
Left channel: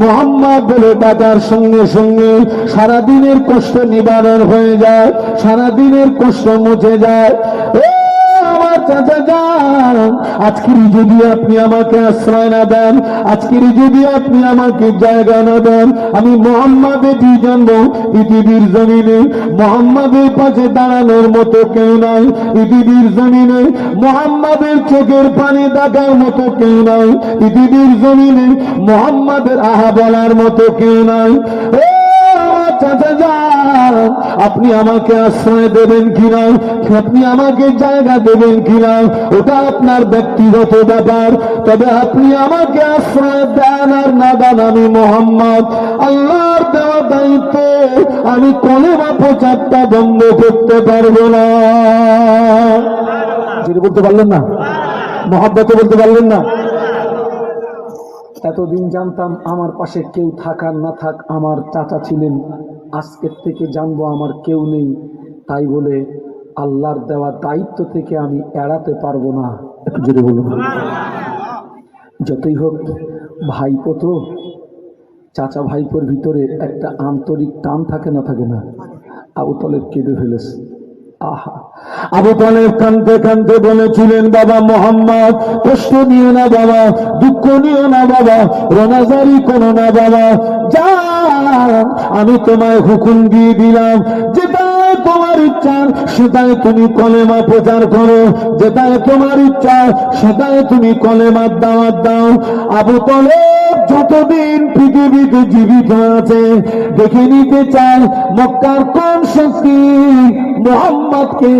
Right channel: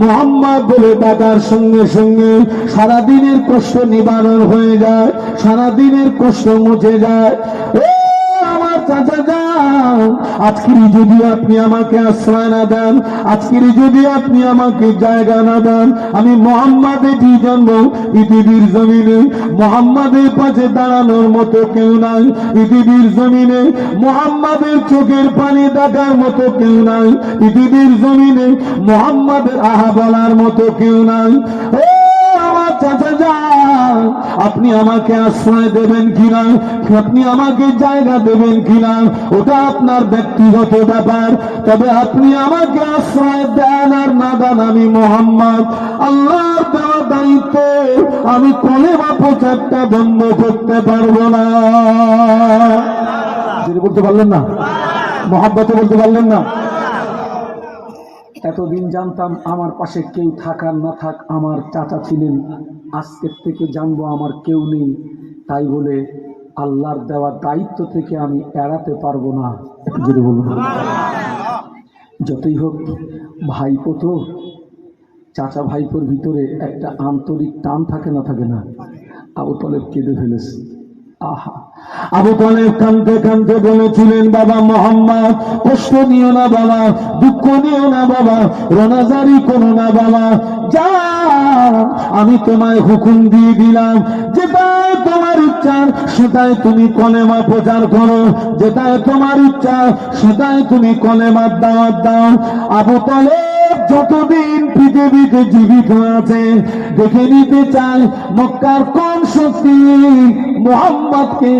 মোহাম্মদ বলে ডাকার সঙ্গে সঙ্গে সারাদিনের কষ্ট নিবারণ হয়ে যায়, সারাদিনের কষ্ট মুছে যায়। চাচা যান, আজকেরই যদি আপনি আমাকে আশ্রয় না দেন, আজকেরই যদি আপনি আমাকে জায়গা না দেন, আমি মোহাম্মদের জন্য পৃথিবীর জমিনে মোহাম্মদের পাশে দাঁড়ানোর মতো কেউ নাই, পৃথিবীর জমিনে মোহাম্মদের চোখের পানি দেখার মতো কেউ নাই, পৃথিবীর জমিনে মোহাম্মদের আহা বলার মতো কেউ নাই। চাচা যান, আপনি আমাকে আশ্রয় দেবেন কিনা, আপনি আমাকে জায়গা দেবেন কিনা, ওটা আপনার ব্যক্তিগত ব্যাপার, তবে আপনি আমাকে আশ্রয় দেন আর না দেন, আমি মোহাম্মদ আল্লাহর দেওয়া দায়িত্ব আমি কলেমা প্রচারটা বন্ধ করতে পারবো না। যেটা বলতে পারলেন না, মহাব্বতে বলতে পারলেন না। এতদিন জানতাম আমার পাশে কেউ থাকার না থাক আমার চাচা ছিলেন, আজকের থেকে জানবো আমার কেউ নেই, তাই বলে আল্লাহর দেওয়া দায়িত্ব থেকে আমি এড়াতে পারবো না। একটু জোরে বলুন। যতই হোক ভাইপো তো, চাচা ভাইপোর ভিতরে একটা আন্তরিক টান থাকে না, থাকে না? আবু তালেব কেঁদে ফেলেছে। আহা, আবু তালেব কাঁদতে কাঁদতে বলেছিলেন, বাবা মোহাম্মদ কষ্ট নিও না বাবা, দুঃখ নিও না বাবা, রোনাজারি করো না বাবা, যা আমি তোমায় হুকুম দিয়ে দিলাম, যেটাই তোমার ইচ্ছা সেটাই তুমি কলেমা প্রচার করো, যেটাই তোমার ইচ্ছা সেটাই তুমি কলেমার দাওয়াত দাও। আবু তালেব যতদিন পৃথিবীতে জীবিত আছে দেখে নিতে চায় মক্কার কোন শক্তি মুহাম্মদকে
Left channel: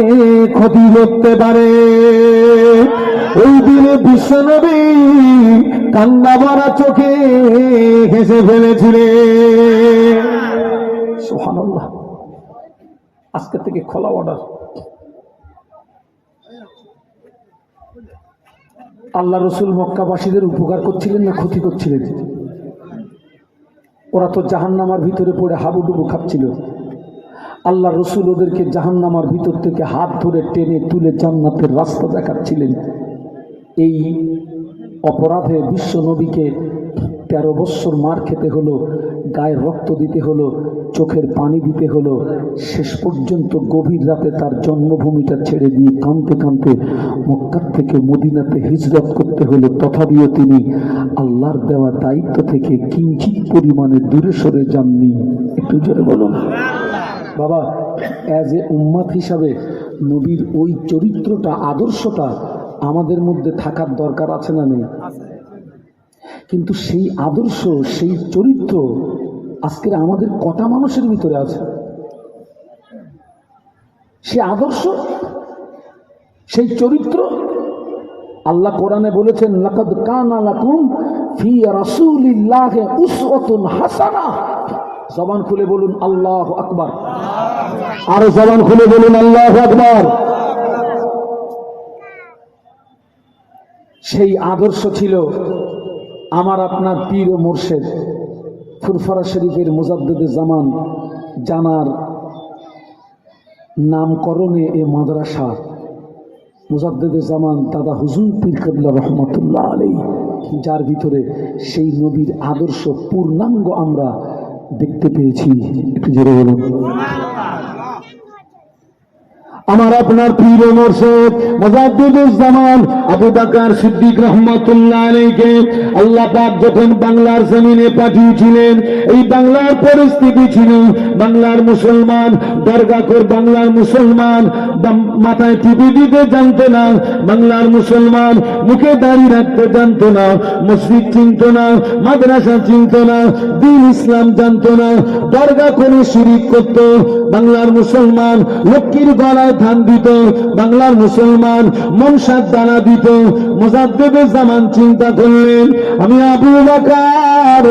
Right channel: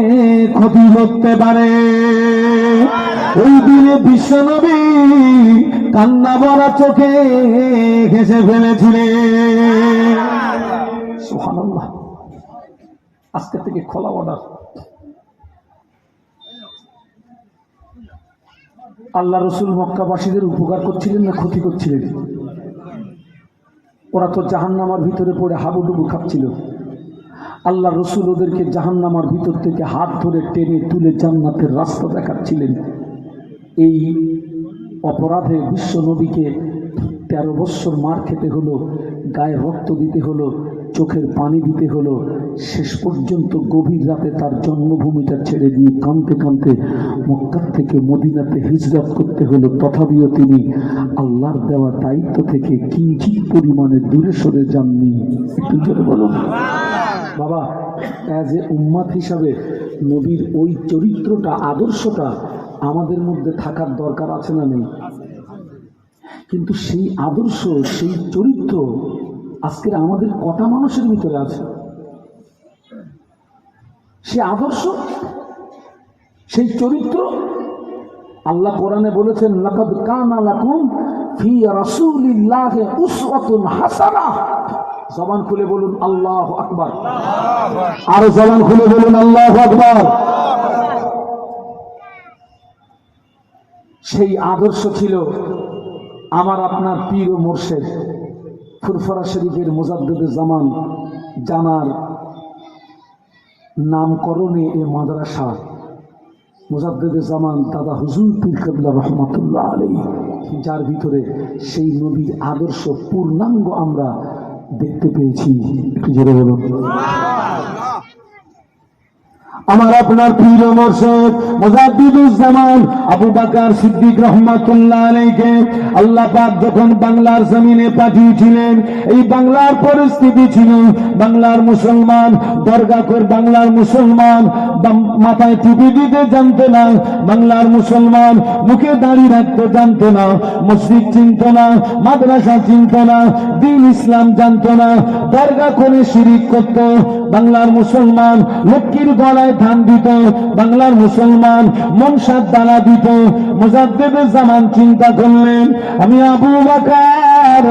ক্ষতি করতে পারে। ওই দিনে বিশ্বনবী কান্না ভরা চোখে ঘেঁষে ফেলেছিলেন। সুবহানাল্লাহ। আজকে থেকে খোলা অর্ডার, আল্লাহ রসুল মক্কাবাসীদের উপকার করছিলেন না ক্ষতি করছিলেন? ওরা তো জাহান্নামার ভিতরে পড়ে হাবুডুবু খাচ্ছিল। আল্লাহ রসুল ওদেরকে জাহান্নামার ভিতর থেকে হাত ধরে টেনে তুলে জান্নাতের রাস্তা দেখাচ্ছিলেন। এই অপরাধে বিশ্ব নবীকে 13 বৎসর মার খেতে হলো, গায়ে রক্ত দিতে হলো, চোখের পানি দিতে হলো। শেষ পর্যন্ত গভীর রাতে তার জন্মভূমিটা ছেড়ে দিয়ে কাঁদতে কাঁদতে মক্কা থেকে মদিনাতে হিজরত করতে হলো। তথাপিও তিনি আল্লাহর দেওয়া দায়িত্ব থেকে কিঞ্চিত পরিমাণে দূরে সরে যাননি। একটু জোরে বলুন বাবা। অ্যাজ এ উম্মাত হিসাবে নবীর ওই চরিত্রটা, আদর্শটা আমাদের মধ্যে থাকার দরকার আছে না নেই? কিন্তু সেই আদর্শ, সেই চরিত্র আজকের আমাদের কটা মানুষের ভিতরে আছে? সে আদর্শ, সেই চরিত্র আল্লাহ কোরআনে বলেছেন, লাকাদ কানা লাকুম ফি রাসূলিল্লাহি উসওয়াতুন হাসানাহ। জবান খুলে বলুন আল্লাহু আকবার। আর জবান খুলে বলুন আল্লাহু আকবার। সেই আদর্শ ছিল আমার আপনার পীর ও মুর্শেদ ফুরফুরা শরীফের মুজাদ্দিদে জামান জানার নামকরণে এ মাদ্রাসা মুজাদ্দিদে জামান দাদা হুজুর পীর কেবলা রহমাতুল্লাহ আলাইহি, যার ভিতরে সেই নবীর আদর্শ পূর্ণাঙ্গ আমরা দেখতে পেয়েছি। একটু জোরে বলুন। আমার আপনার পীর ও মুর্শিদ মুজাদ্দিদুজ জামান আবু বকর সিদ্দিক রহমাতুল্লাহ আলাইহিকে আল্লাহ পাক যখন বাংলার জমিনে পাঠিয়েছিলেন, এই বাংলার পরিস্থিতি ছিল বাংলার মুসলমান দরগা করে, বাংলার মুসলমান মাথায় টুপি দিতে জানতো না, বাংলার মুসলমান মুখে দাড়ি রাখতে জানতো না, মসজিদ চিনত না, মাদ্রাসা চিনত না, দ্বীন ইসলাম জানতো না, দরগা করে শিরিক করত। বাংলার মুসলমান লক্ষ্মীর গলায় ধান দিত, বাংলার মুসলমান মনসার দানা দিত। মুজাদ্দিদে জামান চিন্তা করলেন, আমি আবু বকর,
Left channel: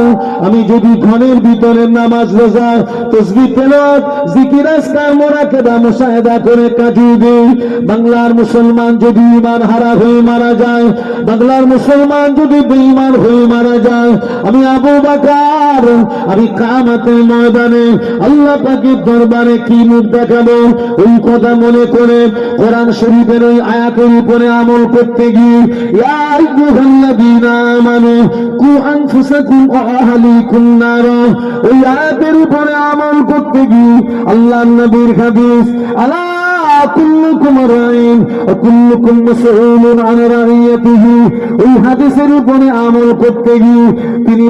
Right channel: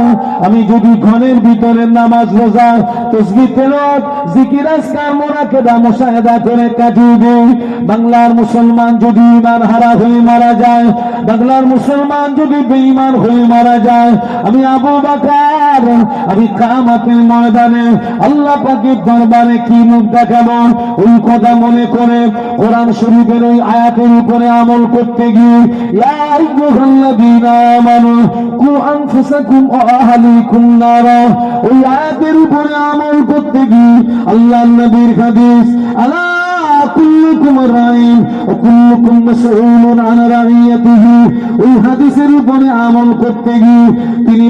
আমি যদি ঘরের ভিতরে নামাজ রোজা তাসবিহ তেলাওয়াত জিকির আজকার মুরাকাবা মুশাহাদা করে কাটিয়ে দেই, বাংলার মুসলমান যদি ঈমান হারা হয়ে মারা যায়, বাংলার মুসলমান যদি বেঈমান হয়ে মারা যায়, আমি আবু বকর আমি কিয়ামতের ময়দানে আল্লাহ পাকের দরবারে কি মুখ দেখাবো? ওই কথা মনে করে কোরআন শরীফের ওই আয়াতের উপরে আমল করতে গিয়ে ইয়া আইয়ুহাল্লাযীনা আমানু কু আনফুসাকুম ওয়া আহলিকুম নারা, ওই আয়াতের উপরে আমল করতে গিয়ে আল্লাহর নবীর হাদিস আলা কুল্লুকুম রাইন ওয়া কুল্লুকুম মাসউলুন আন রাইয়াতিহি, ওই হাদিসের উপরে আমল করতে গিয়ে তিনি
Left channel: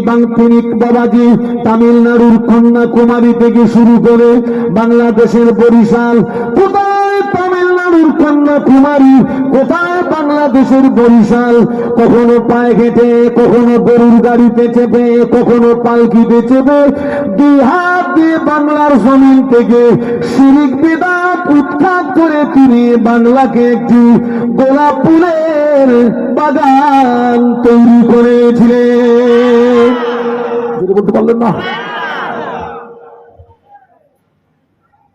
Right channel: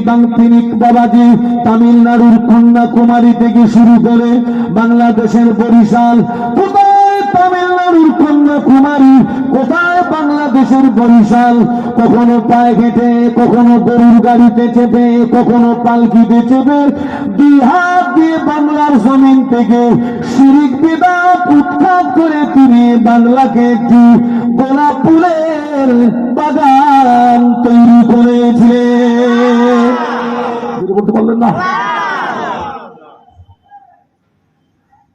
বাবাজি তামিলনাড়ুর কন্যাকুমারী থেকে শুরু করে বাংলাদেশের বরিশাল, কোথায় তামিলনাড়ুর কন্যাকুমারী, কোথায় বাংলাদেশের বরিশাল, কখনো পায়ে হেঁটে, কখনো গরুর গাড়িতে চেপে, কখনো পালকিতে চেপে, দুই হাত দিয়ে বাংলার জমিন থেকে শিরিক বিদআত উৎখাত করে তিনি বাংলাকে একটি গোলাপ ফুলের বাগান তৈরি করেছিলেন। বলতে পারলেন না?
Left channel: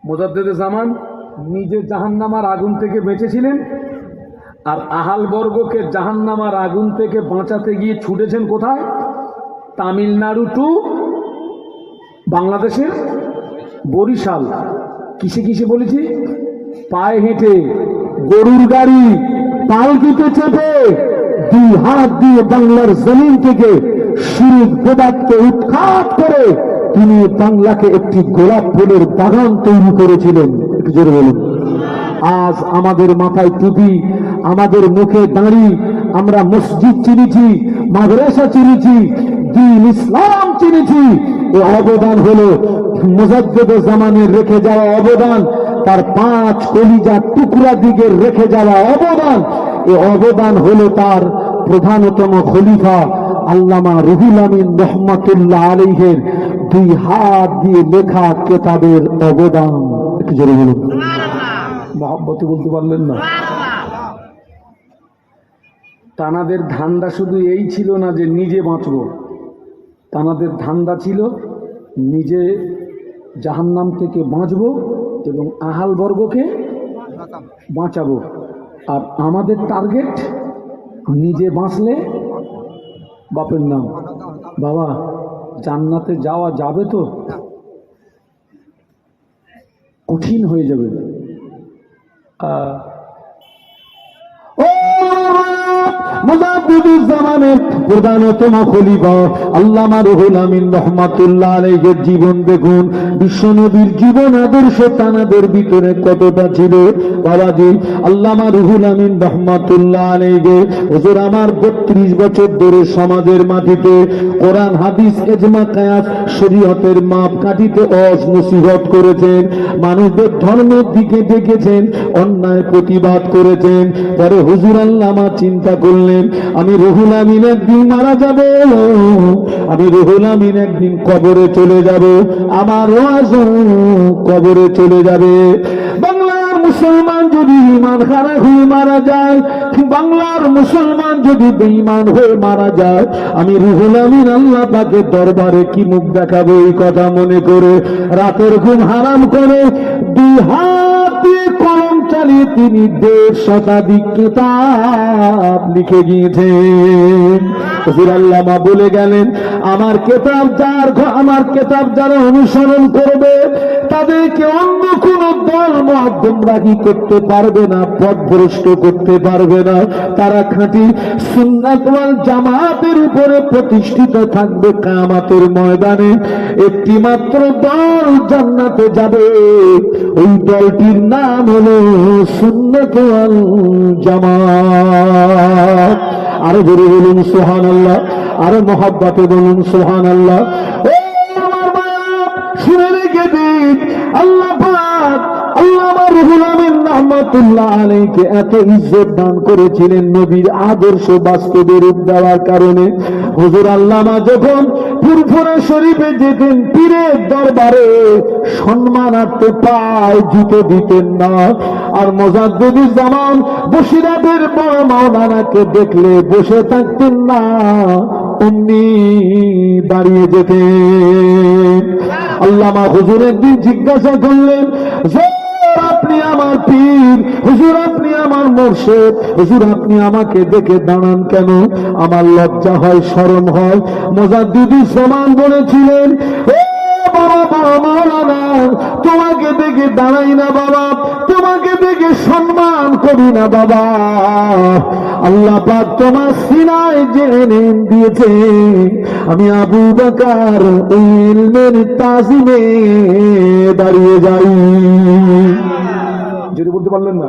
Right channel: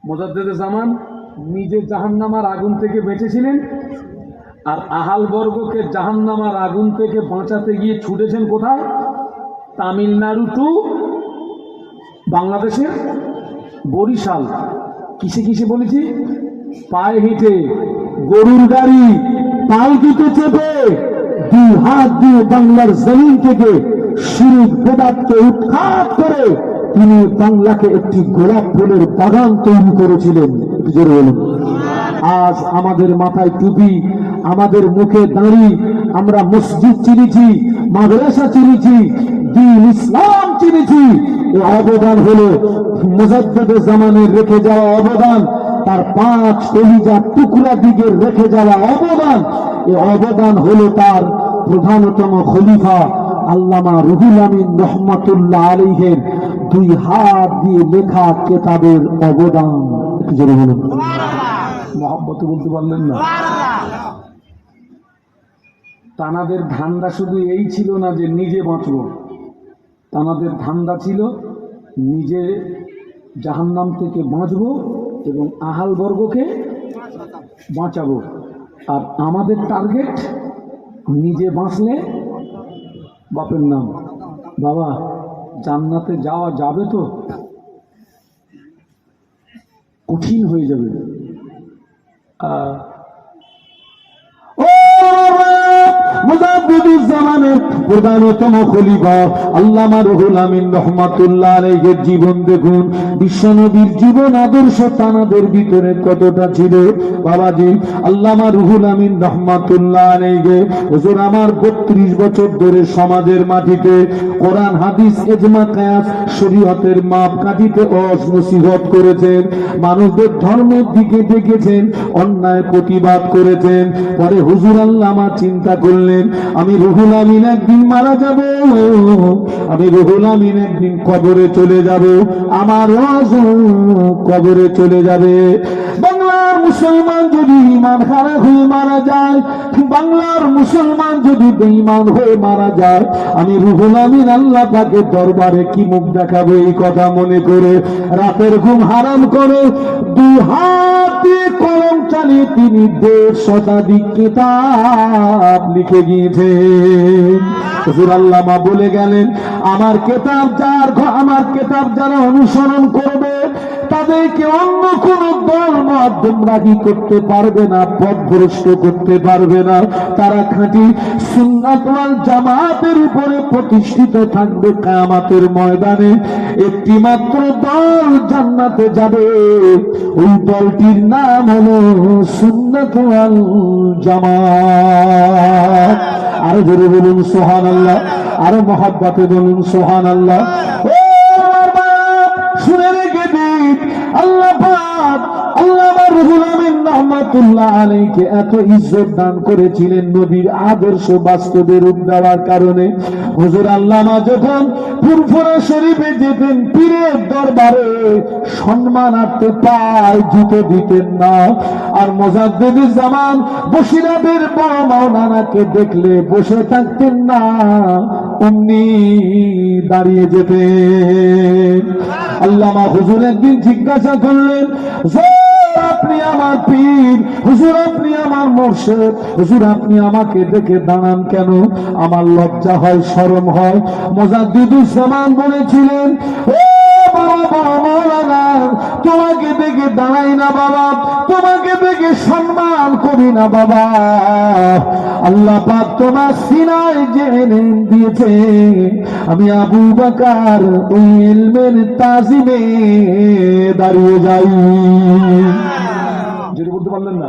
মুজাদ্দিদে জামান নিজে জাহান্নামার আগুন থেকে বেঁচেছিলেন, আর আহালবর্গকে জাহান্নামার আগুন থেকে বাঁচাতে গিয়ে ছুটেছেন কোথায়? তামিলনাড়ু টু বাংলাদেশের বরিশাল। কিসে কিসে বলেছি? পায়ে হেঁটে, গরুর গাড়ি, পালকিতে চেপে, দুই হাত দিয়ে বাংলার জমিন থেকে শিরিক বিদআতকে উৎখাত করে তিনি বাংলাকে একটি গোলাপ ফুলের বাগান তৈরি করেছিলেন। একটু জোরে বলুন। আজ আমাদের মাথায় টুপি, আমাদের মুখে দাঁড়ি, আমরা মসজিদ চিনেছি, মাদ্রাসা চিনেছি, দ্বীন ইসলাম চিনেছি। এই অবদান হলো মুজাদ্দিদে জামানের রেখে যাওয়া অবদান, তার 5 কলিজার টুকরা দিকে রেখে যাওয়া অবদান। এই অবদান হলো তার প্রধানতম খলিফা আল্লামা রুহুল আমিন রহমাতুল্লাহ আলাইহির 2 হাত দিয়ে লেখা কিতাবের অবদান। একটু জোরে বলুন মহব্বতে বলতে পারলেন না? তানাদের ধান্দা শুধু এই ছিল না যে নিজে বাঁচব, তানাদের ধান্দা ছিল নিজে জাহান্নাম থেকে বাঁচব এবং আহাল বর্গকে বাঁচাবো। আর আমাদের টার্গেট নিজে বাঁচলে বাপের নাম। বাবা জান্নাতে যাওয়া যাবে তো কঠিন হয়ে যাবে। মুজাদ্দিদুজ্জামানের প্রধানতম খলিফা আল্লামা রুহুল আমিন রহমাতুল্লাহ আলাইহির জীবন দেখুন, বিশ্বনবীর জীবন আদর্শ তানাদের ভিতরে কতটা ছিল। বাবাজি আল্লামা রুহুল আমিন রহমাতুল্লাহ আলাইহি হুজুর আমার 32 বছর ধরে সমাজের মাটিতে কোরআন হাদিস ইজমা কিয়াস শরীয়তের মাপ কাঠিতে নসিহত করেছেন, মানুষদের ধর্মের দিকে ডেকেছেন, অন্যায় প্রতিবাদ করেছেন। পরে হুজুর আল্লামা চিন্তা করলেন আমি রুহুল আমিন একদিন মারা যাব, আমি রুহুল আমিন একদিন কবরে চলে যাব, আমার ওয়াজও কবরে চলে যাবে। বাংলার মুসলমান যদি ঈমান হারা হয়ে মারা যায়, বাংলার মুসলমান যদি বেঈমান হয়ে মারা যায়, আমি রুহুল আমিন আল্লাহ পাকের দরবারে কি মুখ দেখাবো? এই কথা মনে করে রাতের ঘুম হারাম করে 2 হাত দিয়ে কলম চালিয়ে তিনি 1.5 শতাধিক কিতাব লিখে গিয়েছেন। হুজুর আল্লামা বলে গেলেন আমার কিতাব যারা অনুসরণ করবে তাদেরকে অন্য কোন দল মত গোমরাহি করতে পারবে না, পথভ্রষ্ট করতে পারবে না। তারা খাঁটি সুন্নাত ওয়াল জামাতের উপরে প্রতিষ্ঠিত থাকবে। কিয়ামতের ময়দানে একটি মাত্র দল জান্নাতে যাবে, ওই দলটির নাম হলো সুন্নাত ওয়াল জামাত। আরো জোরে বলুন সুবহানাল্লাহ, আরো মহব্বতে বলুন সুবহানাল্লাহ। শুনে রেখে দিন আল্লাহ পাক আল্লামা রুহুল আমিন রহমাতুল্লাহ আলাইহিকে এত ইজ্জত দান করেছিলেন নবীর আদর্শ বাস্তবে রূপ দেওয়ার কারণে। হুজুর আল্লামা যখন ফুরফুরা শরীফে যেতেন পীরের দরবারে সম্মানার্থে পায় জুতো দিতেন না। আর মুজাদ্দিদুজ্জামান বসিরাটের বড় মাওলানাকে দেখলে বসে থাকতেন না, অমনি দাঁড়িয়ে যেতেন। আল্লামা হুজুর একদিন জিজ্ঞাসা করলেন আপনি আমার পীর, হুজুর আপনি আমার মুর্শিদ, হুজুর আপনি আমাকে দেখে দাঁড়ান কেন? আমার লজ্জা হয়, শরম হয়। মুজাদ্দিদুজ্জামান বলেছিলেন বাবা মাওলানা তোমাকে দেখে দাঁড়াই না বাবা, তোমাকে দেখে সম্মান করি না বাবা, আল্লাহ পাক তোমার সিনায় যে ইলম দিয়েছে আমি আবু বকর এই ইলমের তাজিমে দাঁড়িয়ে যাই। যদি বলতে পারলেন না